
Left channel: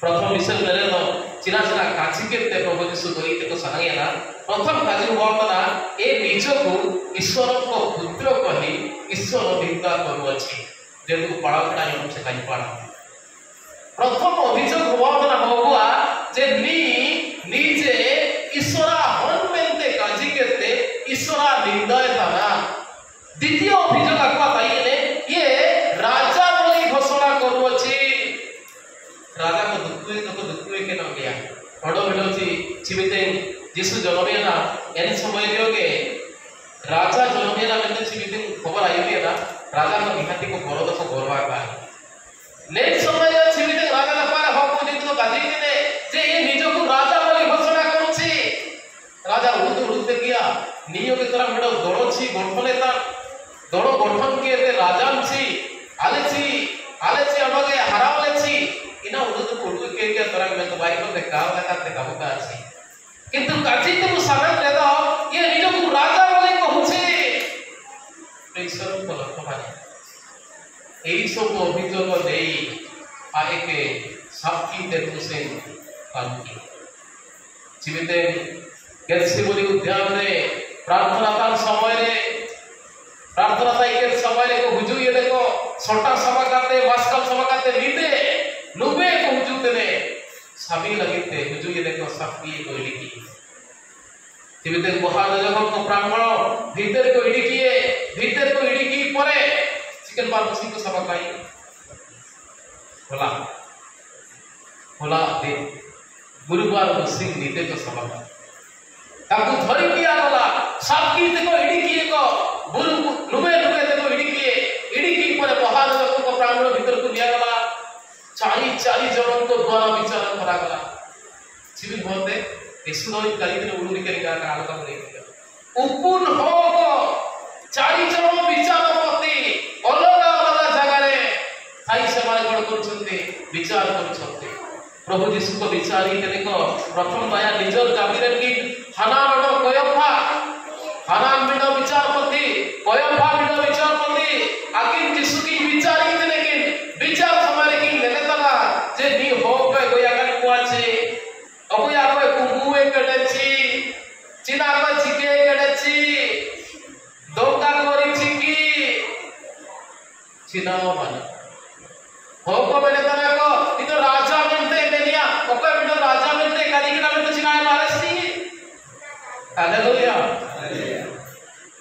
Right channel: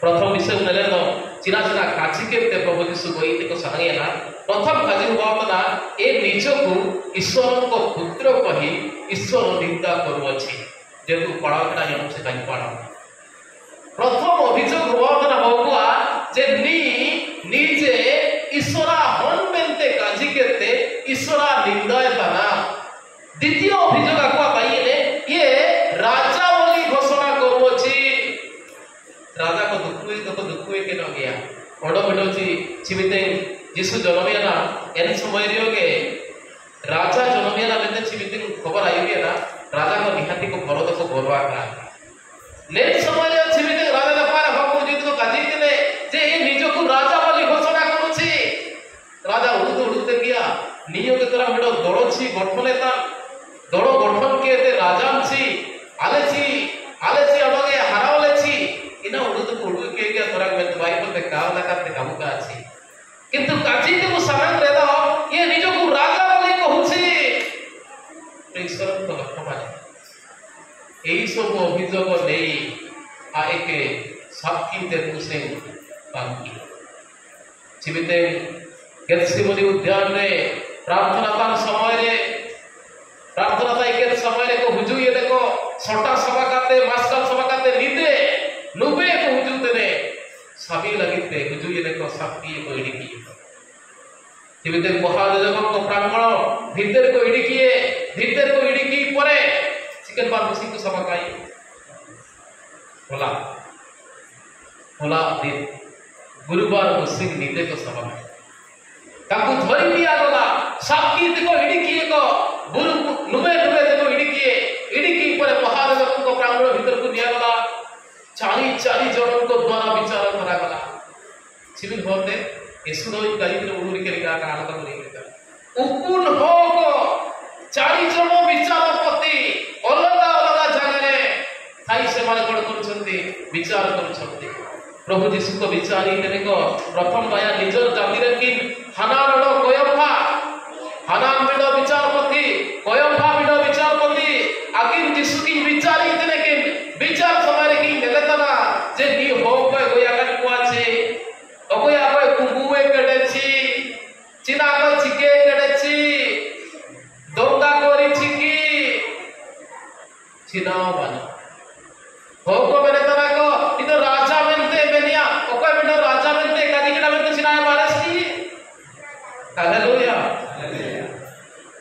प्रथम विषय नेले तो चिना काची के प्रभु यीशु गोई को सहायना ना प्रथम काजी हुआ ए निज को ईश्वर को पुत्र कही ईश्वर निंदा करुअछि जेतु पाळकटा यम से काई पाळ प्रथम अभियोग हुआ होगुआ जे निजे ईश्वरा हनमेंते काजी केते ईश्वरा निंदाय ताना द्वितीय अभियोग आका पाइने ये राजा बोली घोषणा करुअछि राजा को दुखुए के न गया बड़ मिलछि चिमिते यीशु जन्मेना एन समय रियोगे राजा जन्मेना में चिमिते खबर आई ना राजा को निहाती को भरत को गौरवा का ने समय चिमिते राजा ने पार भाव जे तो गाजी ने जे ये निज को राजा वाली घोषणा करूछि राजा उड़ते गया नियो के तरह मेडो दड़छि गठने ता दड़ गठन के ते राजा छी आलेछि अमगे हरावलेछि इना उड़ते के गया तोरा में तो भाई को काव लगा ते काबूता अछि किंतु काजी को सामान रहता ये निज को राजा बोले कहूछि ईश्वर को लक्ष्य माने एई सब अभियोग देई आ एके साक्षी देखु से कांकी जीविते गेत्सेमनी उद्यान रे प्रार्थना कर समय रे प्रार्थना ताई के समय रे को हुजु ये देखो छोटा सभा करते मास्टर सभा करते नीते नुबे को हुजु तने सभी लगिते हुजु ये देखो शक्ति तो लिखी तिमिते बहादुर जगह को प्रांगण भीतर को इडिकी परे चिकन बार मसी को सभा काई होला दे गुरुवार मसी नीते को सभा ताकू धरी दिया गला साथी को इडिकी को बुरु लुबे को इडिकी परे बहादुर जगह को प्रांगण भीतर को दिया गला चारी जनों को द्वारा विचार करा गला सिविल भरते यसुनो कलित्र उलुरी केरिका कालकम लेकिका उपुन होको चारि जण विचारपति अलगा जगारे थाई सेवा करुछन्ति विचार करुछन्ति प्रभु यीशु को विचारी तेनेको प्रथम दया निजर जातिरे कि हानान कयफा हानान बिडो विचारपति कयफा बिडो विचारपति आकिन यीशु की विचारी तेने कि विचार समारे कि लेलेतना जे नी हो गय गोया कर कुआचे अगोया गय कुंगुवे कडेची चिना को चिके कडेची दोंगा कोरी चिकी चिनाओ बन होको मैंने तना को इधर राजा बनते बेनिया ओको बिना राजा बनते कदी किना में चिनाए मारसी हालेलुया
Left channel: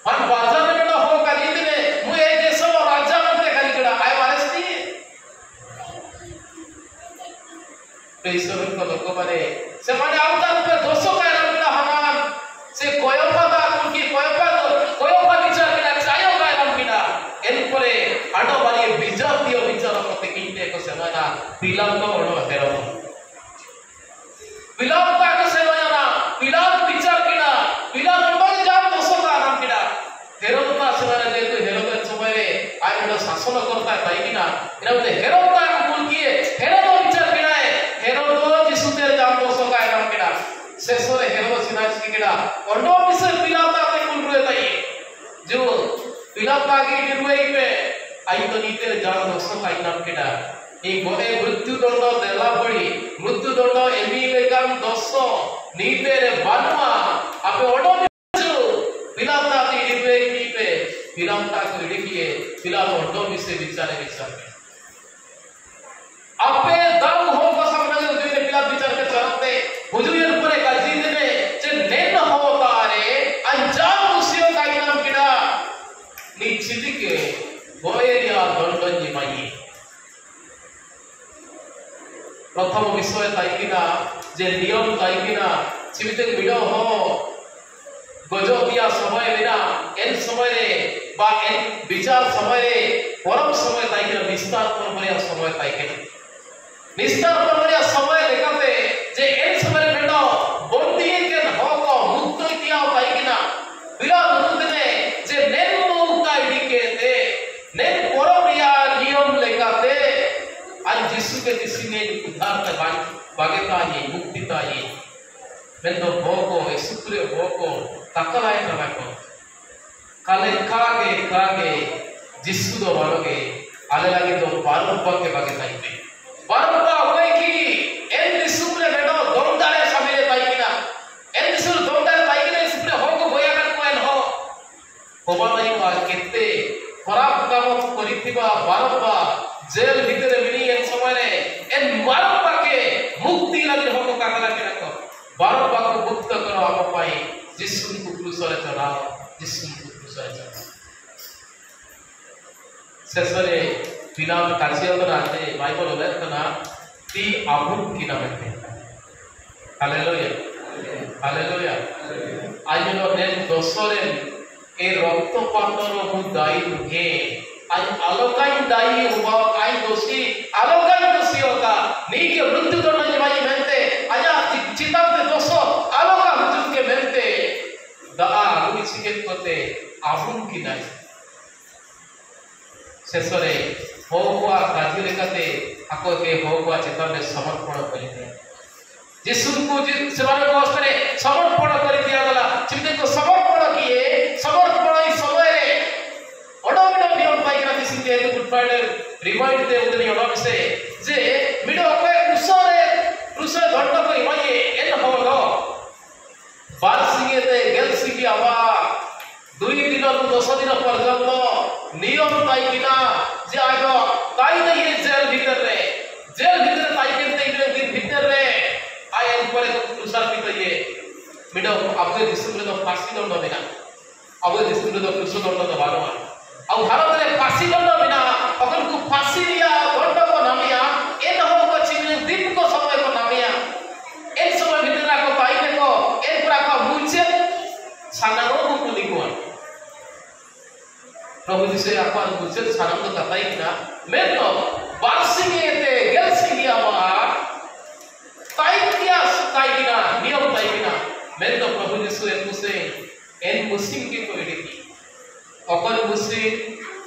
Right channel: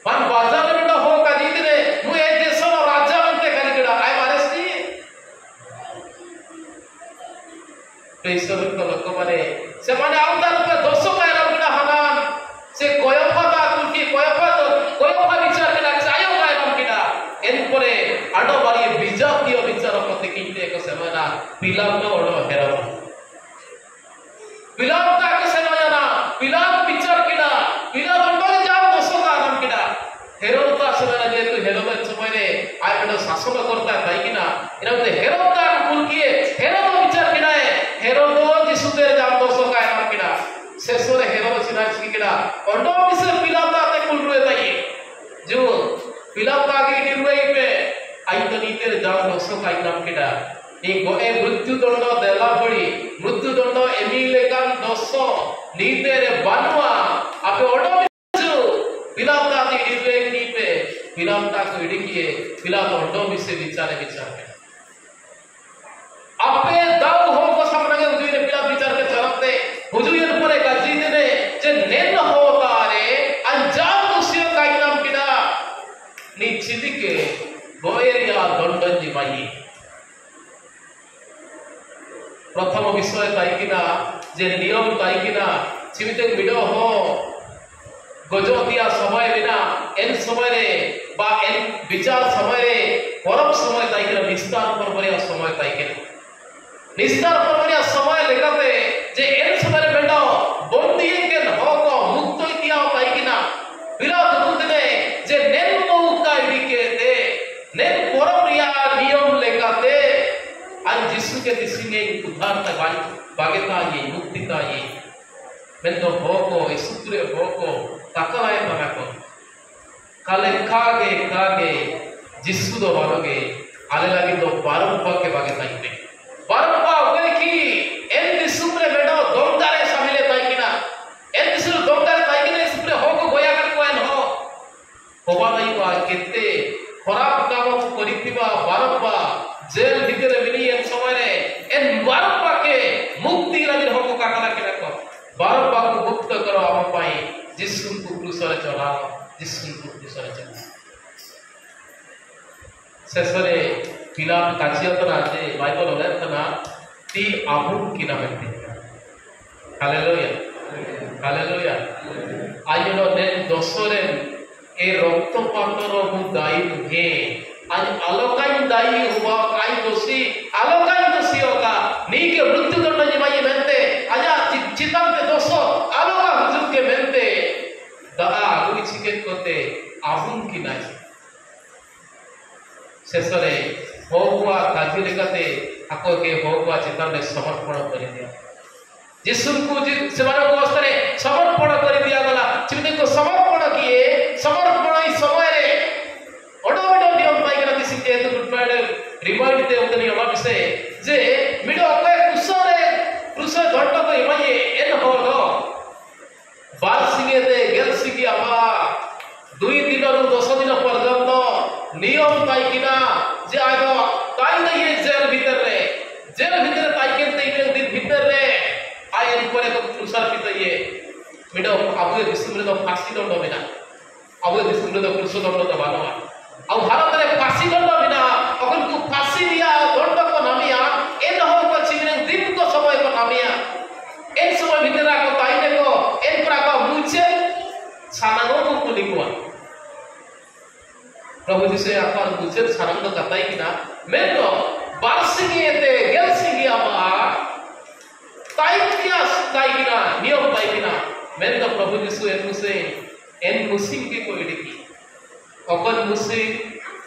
मन बाजार में हो कदी किने मु ए देशो राजा बनते कदी किना आए मारसी पेसर को लोक माने से माने आवतार पे दोषो कायरा बिना हनान से कोयफा ता कुंटी कोयफा विचार किना चायो कायरा किना एन परे आडो बाली विजातीय विचार मते किंते को सेमाना पिलाम तो ओडो हेरो पिलाम ता के सेमाना पिलाम विचार किना पिलाम बंबले जाम दोषो का नाम किना हेरो ता सेमाना जे तो हेरो के समय रे आय बिना शासन करता है किना एना ते हेरो ता कुल किए हेरो तो विचार किना है हेरो तो जिसु तेरे जाम दोषो का नाम किना शेषरे हेरो सिना किना ओडो बिसे पिलाम ता ते कुल रुए ताई जो पिलाम ता के डिरुए पे आई तो नीते जाम दोषो का नाम किना ए गोए मृत्यु दंड देला पड़ी मृत्यु दंड एमिलेगान दोषो नीते रे बानुआ आपे ओडो जो पिलाम ता के डिरुए नीते पिलाम ता को इडिकिए पिलाम ओडो बिसे विचारे आपे दाऊ हो को सामने हुजूर ने पिला विचार के चलते हुजूर परे गाजी ने जे नेन होता रे अंजाम दुसियो का नाम किना नी चिदिके गोयरिया दंडन माई प्रथम विषय ताइकिना जे नियम ताइकिना चिविते बिडो हो गजोतिया समय बिना एन समय रे बा एन विचार समय रे परम समय ताइकिना विस्तार परमरिया समय ताइकिना निस्तार परमरिया समय लेकाते जे एन समय बेटा बंदी के हो को मुक्त किया ताइकिना बिला दुदने जे नेन का इडिके दे नेन परमरिया नियम लेकाते आज यीशु के दिसिने उद्धार का बागेता ये मुक्तिता ये मैं तो भोको इसुरे भोको तकलाए तमाको काले कागे यीशु दो वालोगे आले लगे तो बारंपा के बागेता ही बारंपा होए कि एन यीशु में बेटो दोंगारे शामिल ताई किना एन यीशु दोंगारे ताई किना इसुरे होको गोया कर कोइन हो होबा ताई बा केते खराब काम करितिबा बारंपा जेल भीतर मिनी एन समय रे एन बारंपा के मुक्ति लगे होको काकला के रखो बारंपा को मुक्त करो आप पाई यीशु को क्रूस रे चढ़ाओ यीशु को क्रूस रे चढ़ाओ सेसरे पिला काचिया तो राजे बाइबल में तना ती आबू किना बनते हालेलुया आइनो ने दोसरे ए रक्त पंडर मु दाई नुहे आज आलोकाई दाई हुआ काई दोषी आलोकाई दोषी होगा नीके मृत्यु दंड जिमाई मेंते आजा चितांते दोषो आलोका हुजूर के मेंते दा आगुनी चिकेत कोते आबुन की नाई शेषरे होगुआ काजी लेकाते आको के होगुआ चितान में समर्पण कर दिया यीशु को सेमाने को असरे समर्पण कर दिया गला चिते को समर्पण किए समर्पण इस समय रे ओडोडो नियम पाई के किसी के गुड फ्राइडे रिमाइंड दे उतनी ओडा से जे मिडो को क्रूसरे धंड को इमाये एन होलो बार सिंगे दे गेल सिगी आबा 2 दिन रु 10 दिन पर्यंत नियम पाई किना जे आगो ताई नहीं जेल भीतर ताई के दिन भीतर रे आए ऊपर को क्रूसर पिटये मिडो आबो दिसुम रे फांसी दंड बिना आबो दिसुम रे कृष्ण दंड तो बानवा आ भारत रे फांसी दंड बिना अगर को फांसी दिया दंड को नामिया ए न हो को चिने दिन को समय को नामिया एक समय भितरा को पाइने को एक प्रा को मुचे छानानो को कुली को प्रभु जी से अपन मुचे छानन को कताई किना मैं तो बारसिंगी एते गेलसिंगी आवा ताइकिया ताइकिना नियम ताइकिना मैं तो प्रभु यीशु एन मुसिम के कोई देखी अपन मुसी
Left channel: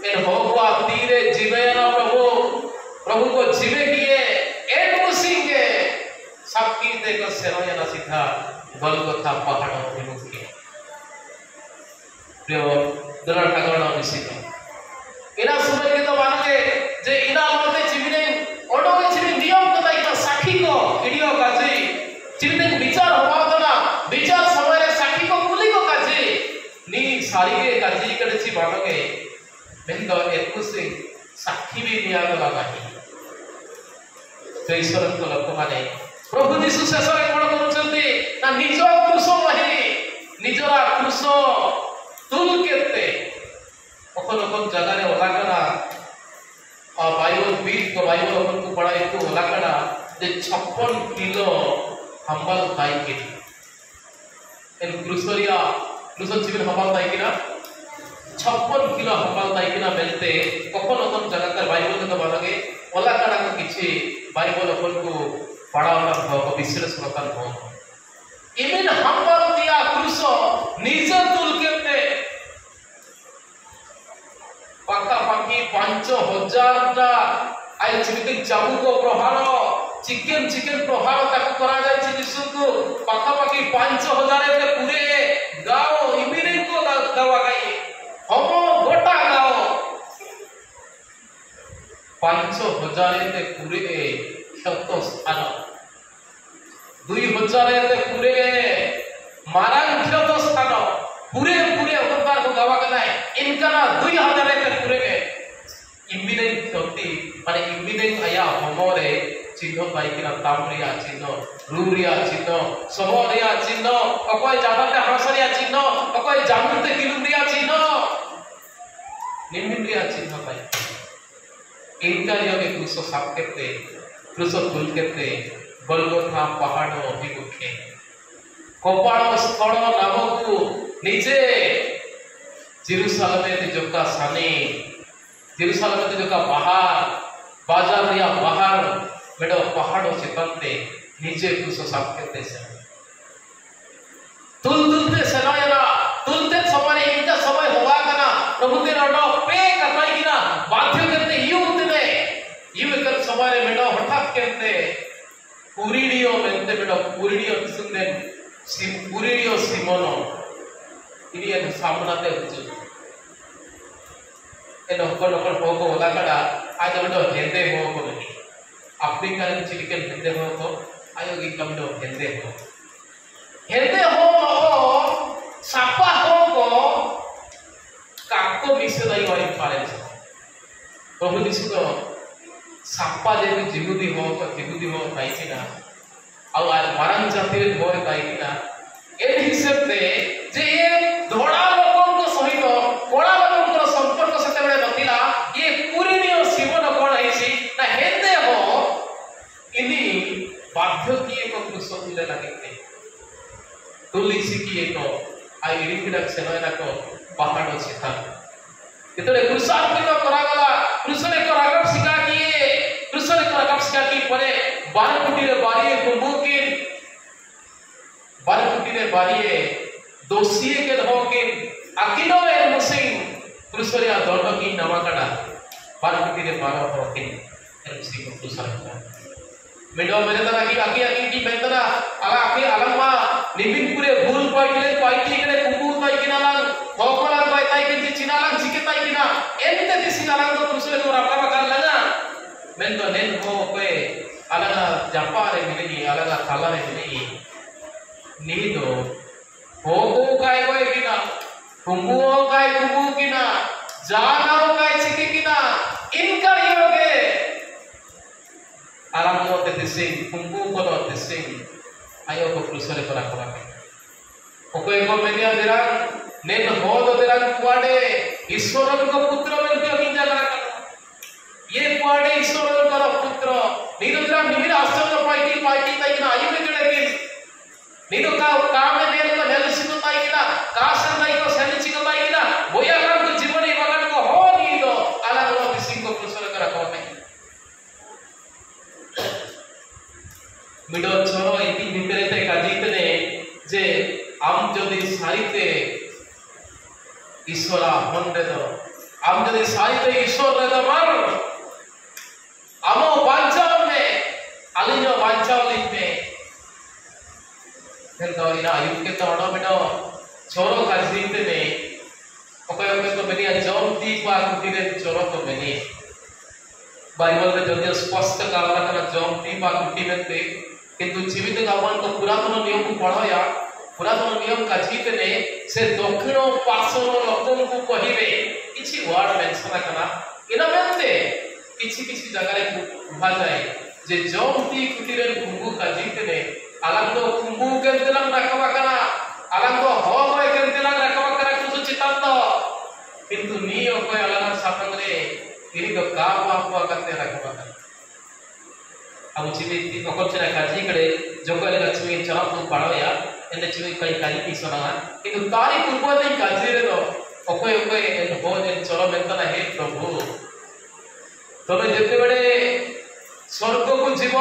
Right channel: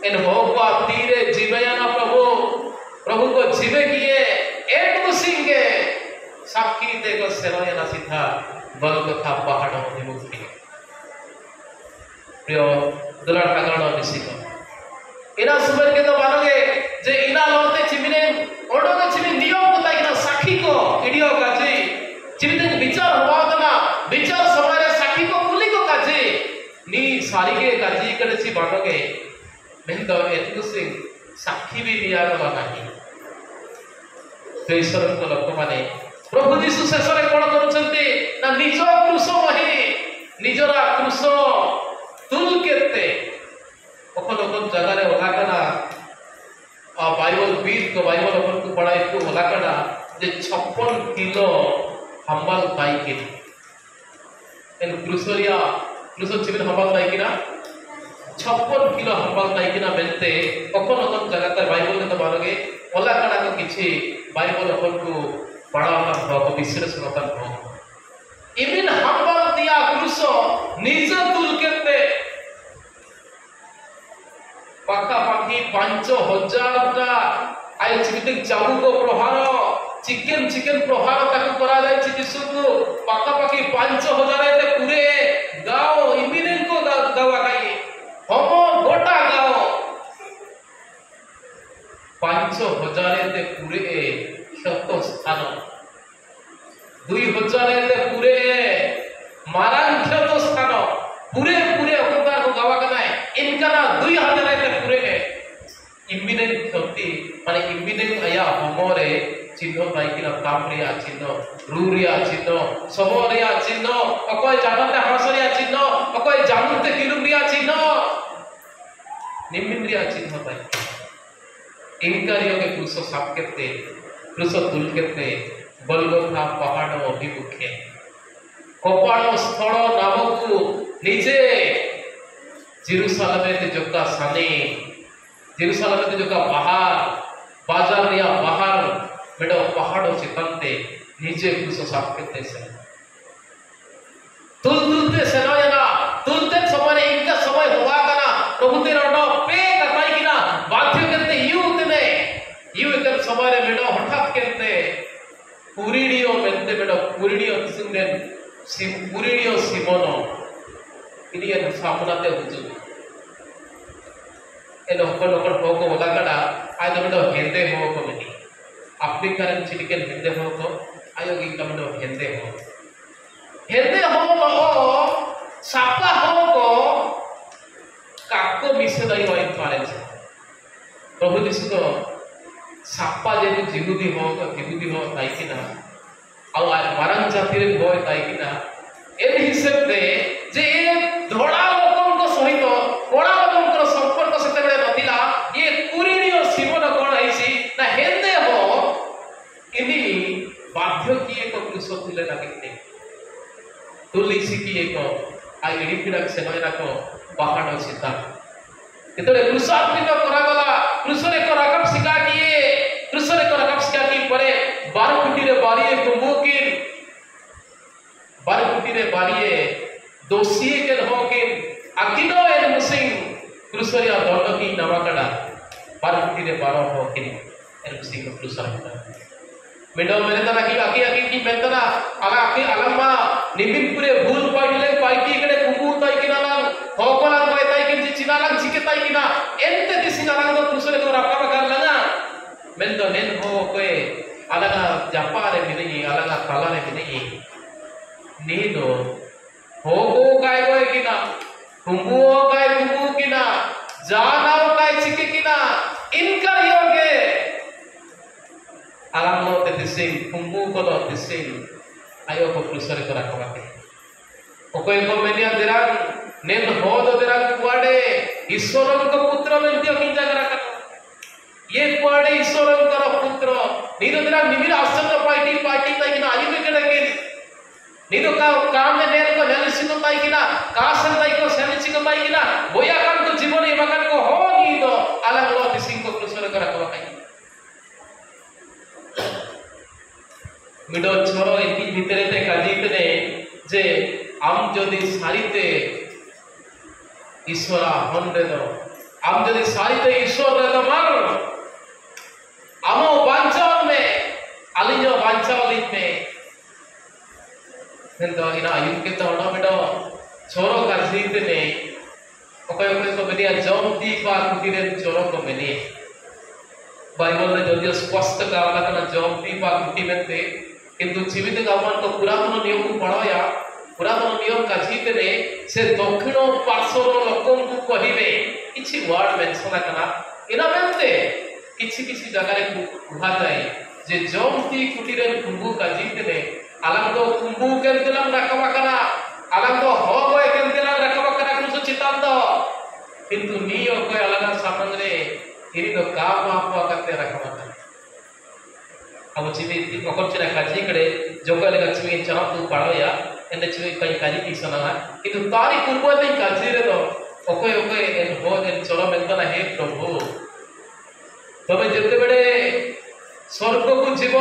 एन होगवा तीरे जीवे ना प्रभु को जीवे किए एन मुसिम के साक्षी देकर सेवाए ना सीधा बल को था पहाड़ अभिमुखी प्रिय दुलार ठाकुर मिसिका इना सुबह के तो मानोगे जे इना लोटे चिमिने ओडोगे चिमि नियम को ताइना साखी को इडियो काजी चिमिने विचार होवा ना विचार समय रे साखी को कुली को काजी नी सारीगे काजी करे छि बाटोगे मेन तो एतु से साखी भी दिया गला नाही तो ईश्वर को लोक माने प्रभु यीशु शेषरे कोन करूछन्ते ना निज क्रूस वहिनी निजरा क्रूस तुल केते ओकन ओकन जगह रे ओलाकना बाइबल बीट को बाइबल अपन को पढ़ाई को ओलाकना जे 56 किलो हम्बल ताई के इन क्रूसरिया क्रूसन चिबिन हम्बल ताई किना 56 किलो हम्बल ताई किना बेलते ओकन ओकन जगह कर बाइबल तो मानोगे ओलाकना को किछि बाइबल अपन को पढ़ाना हो विश्लेषण कर हो इमिन हम्बल दिया क्रूस निज तुल केते पाका पाकी 5000 टा आय चिबिन चाबुक प्रहार चिकेन प्रहार ताकू करा जाय छि यीशु को पाका पाकी 5000 एते पूरे गाओ इमिन को गावा गाई हम गोटा गाओ 5000 एते पूरे शत स्थान 2000 एते पूरे मारान क्षत स्थान पूरे होता को गावा का है इनका ना 2000 एते पूरे के इमिनेंट शक्ति माने इमिनेंट आया हमरे चिन्ह ताइकिना तामरिया चिन्ह रूरिया चिन्ह समरिया चिन्ह अकय जाबते हासरिया चिन्ह अकय जामुते किलुरिया चिन्ह निमिरिया चिन्ह ताइ इनका के क्रूस साप केते क्रूस तुल केते बलगोथा पहाड़ अभिमुखे कपाल स्थल नामकू निजे जेरूशलेम ते जक्का साने जेरूशलेम ते जक्का बाजार या बाहर मेडो पहाड़ो चितंते निजे कुछ साफ करते से तुलते सेनायना तुलते समय इनका समय होगा कना प्रभु के रोडो पे कपाई किना बाध्य करते यू कर समय मेडो हठात करते पुरीडियो मेंते मेडो पुरीडियो सुंगन पुरीडियो सिमोनो इनिये सामनाते हुजु एनो कोन होको होला कड़ा आज मेडो हेंदे हो को मिनी अपनी कारण चिटिकल हेंदे हो को आयोगी कमडो हेंदे हो सापा हो को काको मिसे दई होई पाले प्रभु यीशु तो सापा जे जिहुदी हो ताइकिना ଆଉ ମାରାନ ଜାତିରେ ଭୟ କାଇକିନା ଏ ହିସାବରେ ଯେ ଏ ଧଳା ଲୋକଙ୍କ ସହିତ କଳା ଲୋକଙ୍କର ସମ୍ପର୍କ ସେତେବେଳେ ନଥିଲା ଏ କୁରିନିୟ ଜୀବନ କଣ ହେଇଛି ନା ହେନ୍ଦେ ହୋ ଇନି ବାଧ୍ୟ କି ଏକ କୃଷ ଥିଲେ ଲାଗିତେ ତୁଲିସି କି ଏକ आ इडी फिडा सेनायनाको पहाड़ अछि ता एतले कृषार्थिक करागला कृषने करागप सिका किए कृषने करागप सिका की परे 12 फुटी रे बारिए कुंभकिन 12 फुटी रे बारिए दोषिए के धोकिन अकिनो ए मुसिंग कृषरिया दंड की नमकड़ा 12 फुटी रे 12 होकिन ए मुसिंग कृषरता मेडो मेरे तना की आकी की मेंतना आला आकी अलम्मा निमिनपुरे भूल पाइले पाइटी कड़े कुंबू ताई किनाला होकोला पाई ताई के चिनाला जिके ताई किना एंते दिसिनाला तो कृषरे को रपा कर लगा मेंदो नेन हो कोए अलगा जापारे मिनी अलगा कालारे मिनी नीदो होको काय कोए किना कुंबू काय कुंबू किना जानाओ काय चिके किना इनका योगे आलामो ते दिसिन कुंबू कोलो दिसिन आयो को कृषरे को रखवा ओकोय को मेनिया दिरान नेन होद दिरान कुआडे ईश्वरन को पुत्र मेंते किंजा करा ये कुआडे ईश्वरन का पुत्र नीनो दिरा निमिरा आश्चर्य पार्टी ताई ना आयु लेके डके नीनो का काम में नेल को हेलिसिन ताई किना कासन ताई को सेलिचि को ताई किना बोया काम को जीवन ए बगन को हो नी दो अलग लो दिसिंग को कृष्ण करा को ताई मिडो छोरो इति भितरे ते काजीतने जे आम जदि सारिते ईश्वरा मंडे दो आम जदि सारिते ईश्वर रे दमार आमो बांचाव में अलिनो बांचाव लिख में हेंदो इना आयु के तो ओडो मिडो छोरो काजीतने ओकय को मेनिया जौमती पा कुटिरे छोरो को मेनी बाइबल रे जदि स्पष्ट कावला कना जौमती पा कुटी मेते किंतु जीवित गावन को पुरातन नियम को पढ़ाया पुरातन नियम का जीतने से दक्षिण पार्श्वर लोकन को कहिबे किछि वर्ड मेंशन करना इना मेंते किछि जगह रे उभा जाय जे जौमती कुटीरे कुंभू का जीतने अलग तो कुंभू के दिलम रखवा करा अलग तो हो गए के दिलम रखवा करा कुछ चितान दो किंतु नियो कोई अलग सापंग रे इरी तो का बाप करते रखवा करा अब जीवित पकड़चना काजी कड़े जोगले लक्ष्मी चना तू पड़ोया एंड चिवे कई काजी की सना किंतु तारी पूर्व दिन काजी रे दो ओके एन हो एन चलो मेंतना हे प्रभु तबे जेते बड़े स्वर्ग को जीव